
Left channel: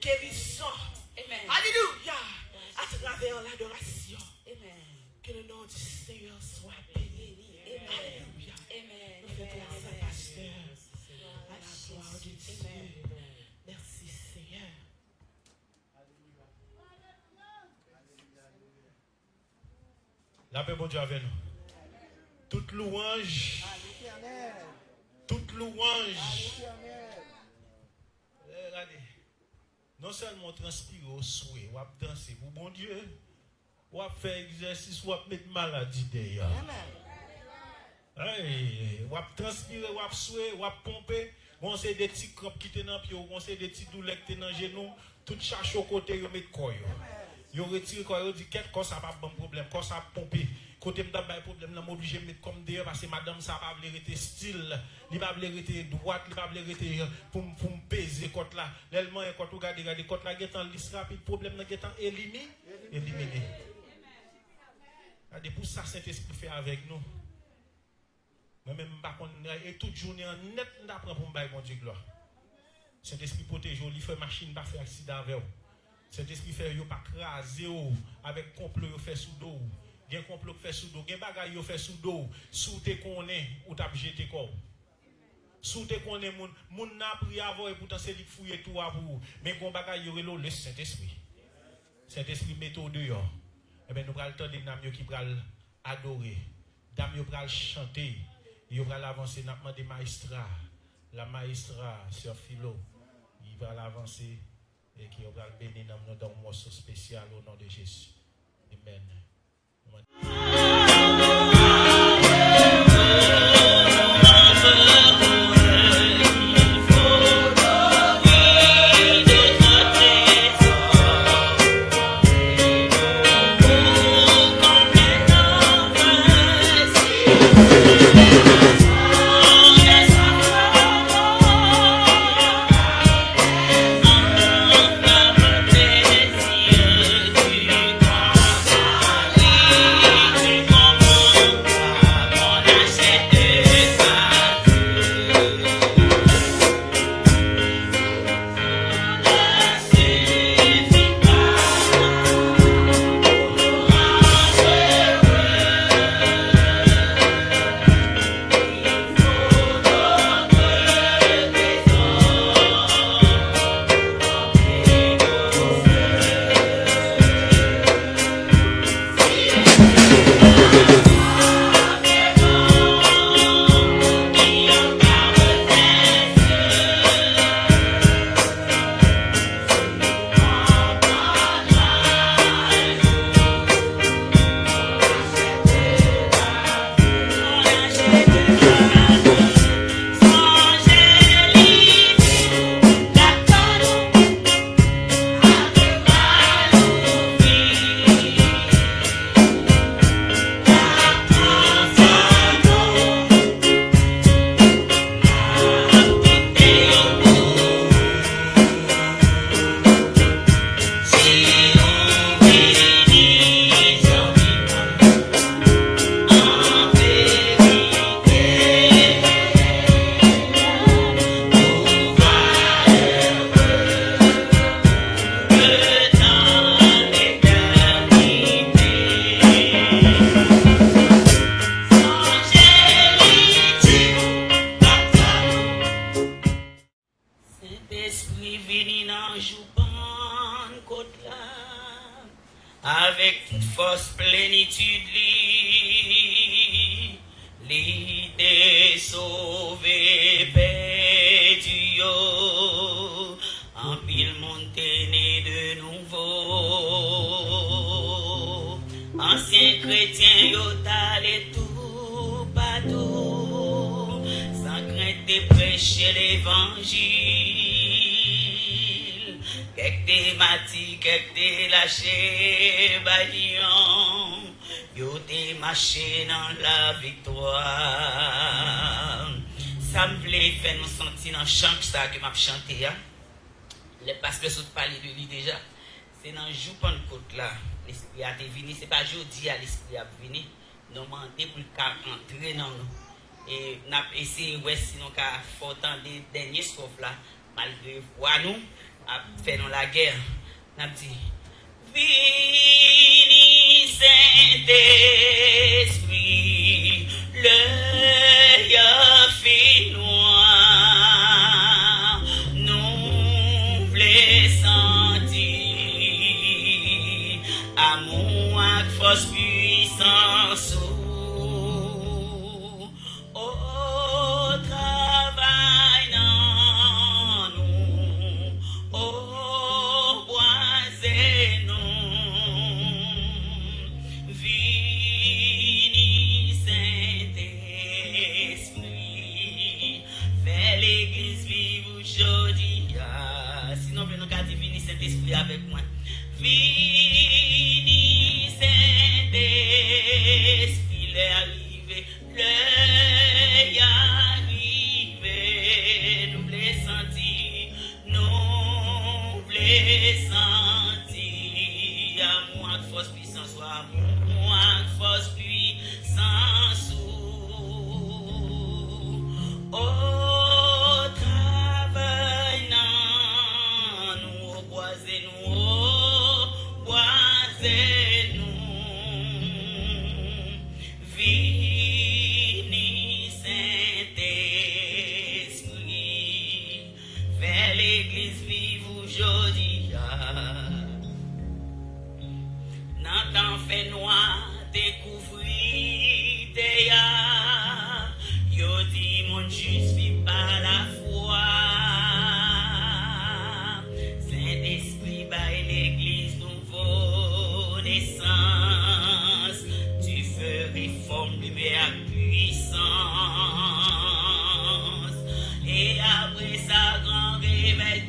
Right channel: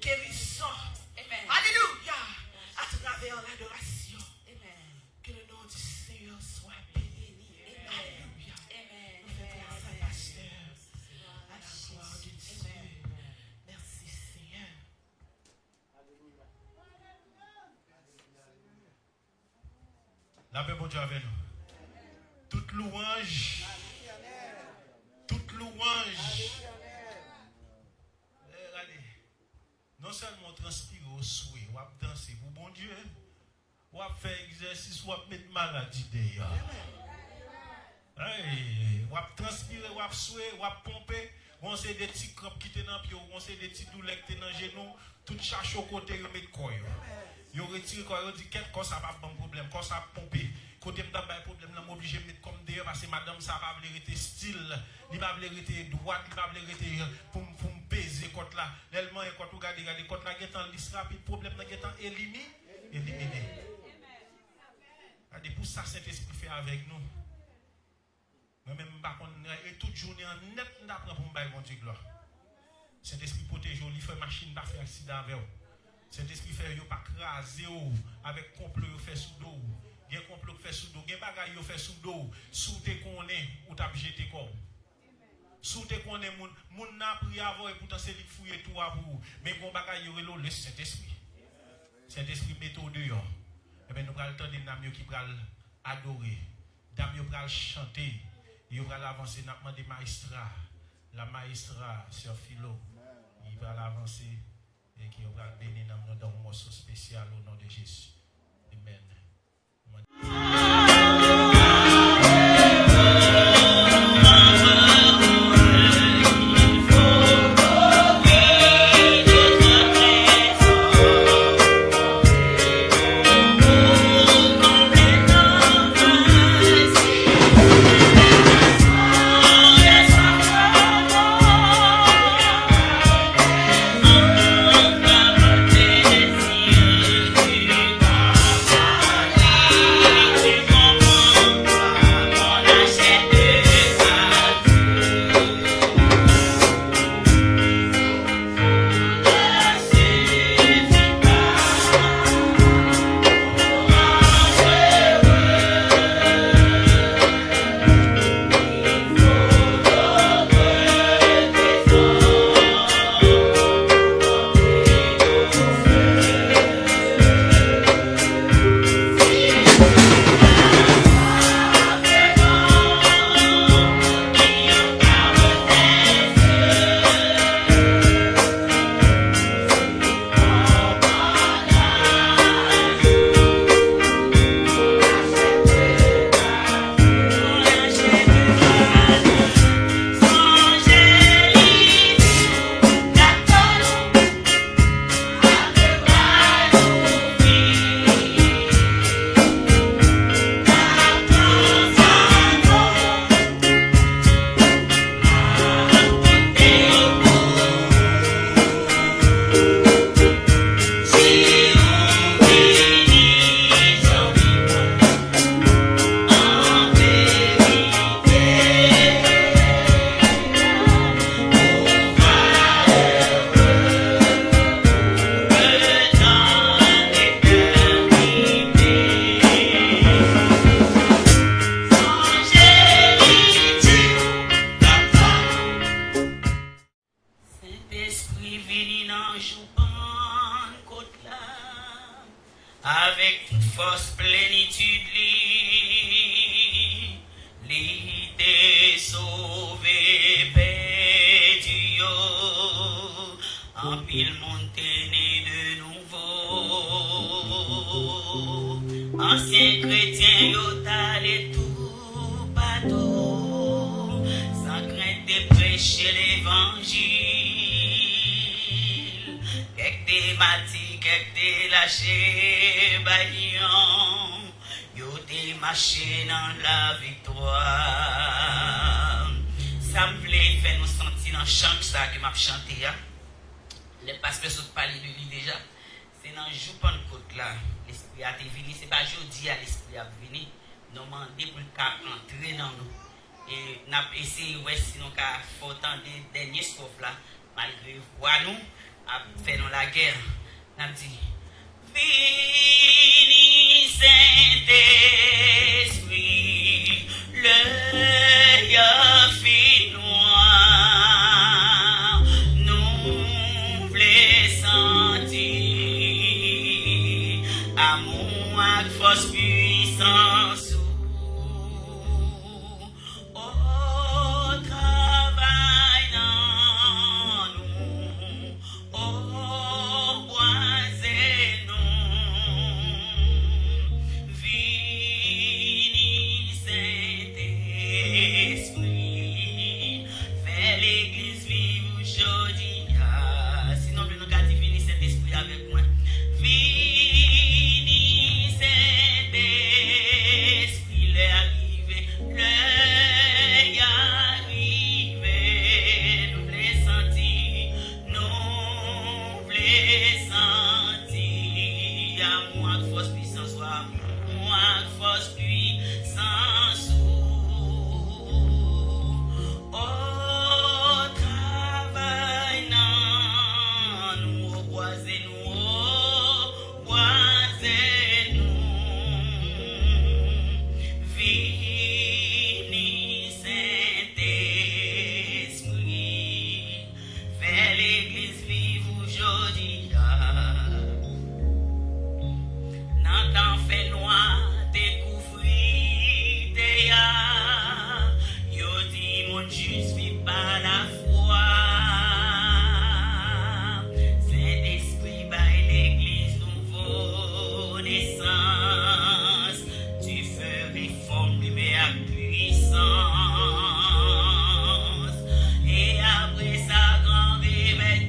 guérison. Amen. Alléluia. À travers l'adoration. Amen. Que le nom du Seigneur soit béni. Alléluia. Amen. Nous faisons grâce à pasteur. À la gloire de Dieu. Merci Seigneur. La paix, bon Dieu, avec nous. Toute louange. Toute louange. Regardez. Non seulement transpirer au souhait, ou à danser pour bon Dieu, ou à faire exercice, ou à mettre maladie d'ailleurs. Ou à transpirer, ou à souhait, ou à pomper. On sait des petits crampes qui étaient dans le pied, on sait des petits douleurs qui étaient dans le genou, tout chaque côté, on met le corps. Ils retirent le corps, ils disent qu'est-ce que ça va pas bon problème, quand ça pomper. Côté de problème, je suis obligé de mettre comme d'ailleurs parce que madame, ça va être style, il va être droite, il va être pour me peser côté là. L'élément est quand vous regardez côté là, il y a un liste rapide, problème est éliminé. Regardez, pour ça, Saint-Esprit fait avec nous. Moi-même, et toute journée en net, nous apprenons pour me bailler, mon Dieu, gloire. Saint-Esprit protège, il fait machine, pas faire accident avec vous. Saint-Esprit fait, il pas craser avec complot, il fait sous dos. Il y a un complot qui fait sous dos, il y a un bagage qui fait sous dos, sous te connaît ou t'as jeté comme. Sous te connaît, mon n'a pris avant et pourtant c'est lui qui fouille tout à vous. Mais bon bagage, il y a le Saint-Esprit. Saint-Esprit met au dehors. Eh bien, nous prenons le temps de nous qui pral adorer, nous pral chanter, nous pral avancer, nous avons des maestras. La maestra, Sœur Philo, il va avancer et qui va bénir dans un morceau spécial au nom de Jésus. Amen. Avec toute force, plénitude, l'idée sauvée, paix du haut, en pile montée né de nouveau. Ancien chrétien, yotal et tout partout, sans crainte de prêcher l'évangile. Quelques des matis, quelques des lâchés, baillons, yo des marché dans la victoire. Ça me plaît, faire nous sentir dans chant ça que m'a chanté, hein. Parce que je parle de lui déjà. C'est dans le jour Pentecôte là, l'esprit a venu, c'est pas jeudi à l'esprit a venu, nous demander pour entrer dans nous. Et nous avons essayé, ouais, si nous avons fait des derniers sauf là, malgré voir nous, a fait dans la guerre. N'a dit Vini Saint-Esprit, l'œil fait noir, nous voulons sentir amour avec force puissance. Au travail dans nous, au boisé nous, vini Saint-Esprit, fais l'église vivre aujourd'hui. Sinon, nous avons dit vini Saint-Esprit avec moi. Vini Saint-Esprit, l'est arrivé, l'œil arrivé, nous voulons sentir, nous voulons sentir, amour avec force puissance, amour avec force puissance, au travail dans nous, au boisé nous, au boisé nous, vini Saint-Esprit, fais l'église vivre aujourd'hui. Dans temps fait noir, découvrir des yo dit mon juste vit par la foi. Saint-Esprit baille l'église nouveau naissance. Tu ferais forme de puissance. Et après sa grande réveil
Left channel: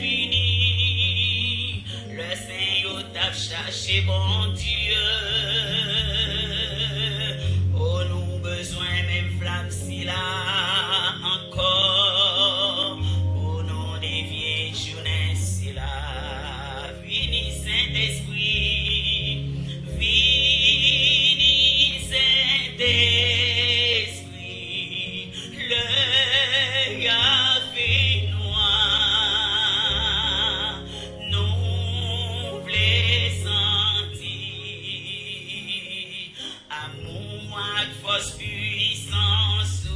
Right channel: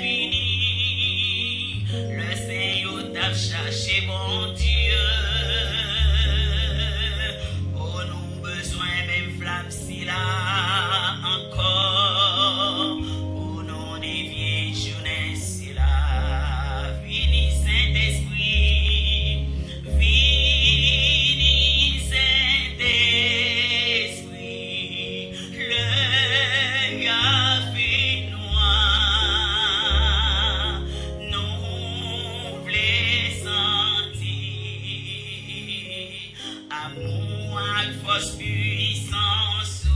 fini, le Seigneur t'a cherché bon Dieu. Oh, nous besoin même flamme si là encore. Au nom des vieilles journées si là. Vini Saint-Esprit, vini Saint-Esprit, l'œil a fait noir, nous voulons sentir amour avec force puissance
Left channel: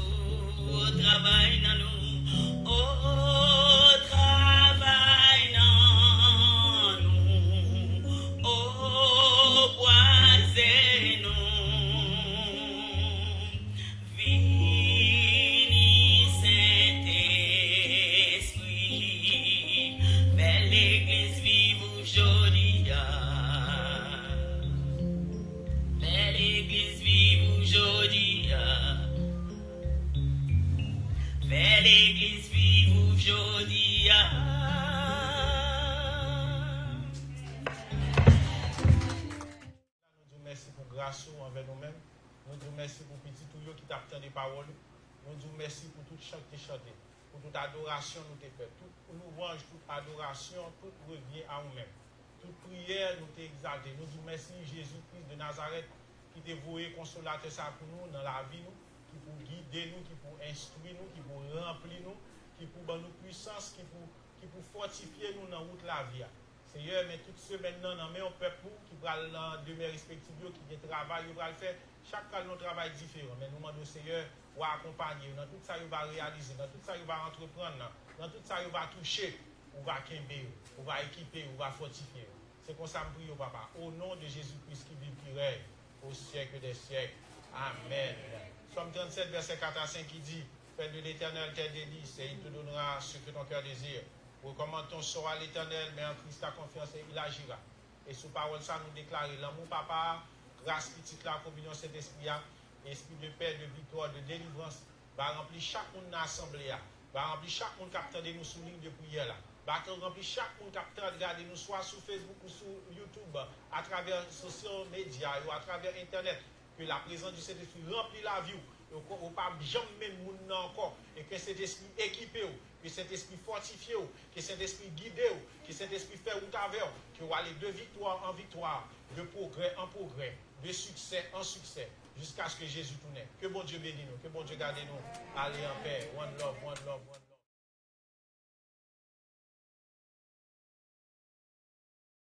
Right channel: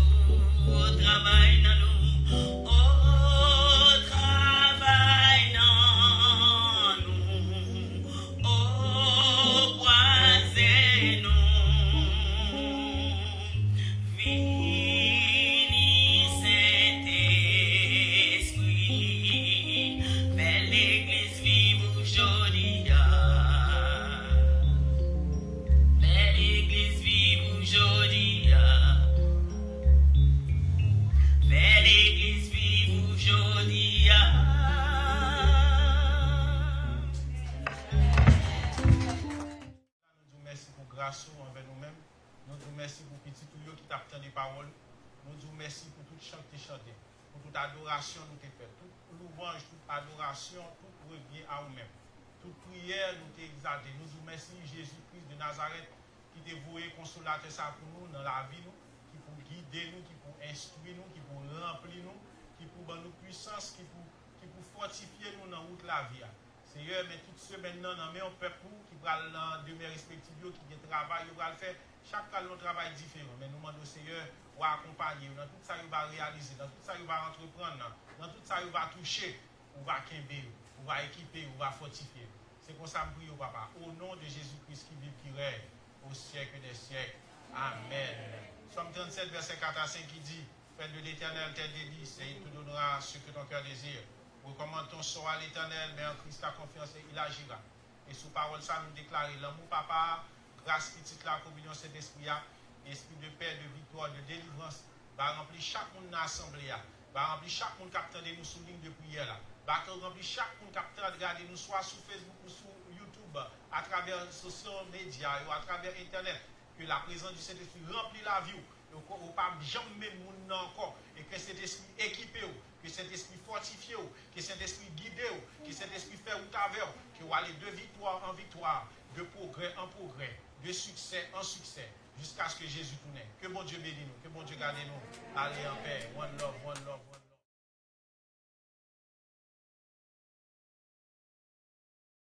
au travail dans nous, au travail dans nous, au boisé nous, vini Saint-Esprit, fais l'église vivre aujourd'hui. Fais l'église vivre aujourd'hui. Fais l'église vivre aujourd'hui. Nous disons merci pour grâce envers nous-mêmes. Nous disons merci pour petit tout qui t'a des paroles. Nous disons merci pour tout chant que tu chanté, pour toute adoration nous t'ai fait, toute louange, toute adoration, tout revient à nous-mêmes. Toute prière nous t'ai exalté. Nous disons merci Jésus-Christ de Nazareth qui t'est voué consolateur ça pour nous dans la vie nous, qui pour guider nous, qui pour instruire nous, qui pour remplir nous, qui pour donner nous puissance, qui pour fortifier nous dans toute la vie. Seigneur, mais toute semaine dans un peuple qui va dans demeure respective, qui a travail, il va le faire. Chaque cas, notre travail est différent. Mais nous demandons au Seigneur de accompagner. Dans tout ça, il va réaliser. Dans tout ça, il va entreprendre. Dans tout ça, il va toucher. On va quimber. On va équiper. On va fortifier. C'est pour ça que je prie au Papa. Au nom de Jésus-Christ qui vit, qui règne au siècle des siècles. Amen. Somme 37, verset 4 à 5 qui dit Père de l'Éternel, tes délices, et il te donnera ce que ton cœur désire. Recommande ton sort à l'Éternel, mais en Christ ta confiance et il agira. Et sous parole ça, nous déclarer l'amour, Papa, grâce petite la communion Saint-Esprit, esprit de paix, de victoire, de délivrance, va remplir chaque monde dans l'assemblée, va remplir chaque monde qui attendait nous sous ligne de prière, va remplir chaque monde qui attendait regarder nous, soit sur Facebook ou sur YouTube, à travers les social médias ou à travers Internet, que la présence du Saint-Esprit remplit la vie, ou pas jamais monde encore, et que cet esprit équipé, que cet esprit fortifié, que cet esprit guidé, que cet esprit fait route avec, que va aller de victoire en victoire, de progrès en progrès, de succès en succès, jusqu'à ce que Jésus tourne. Que bon Dieu bénisse nous, que bon Dieu garde nous. Allez en paix, one love, one love.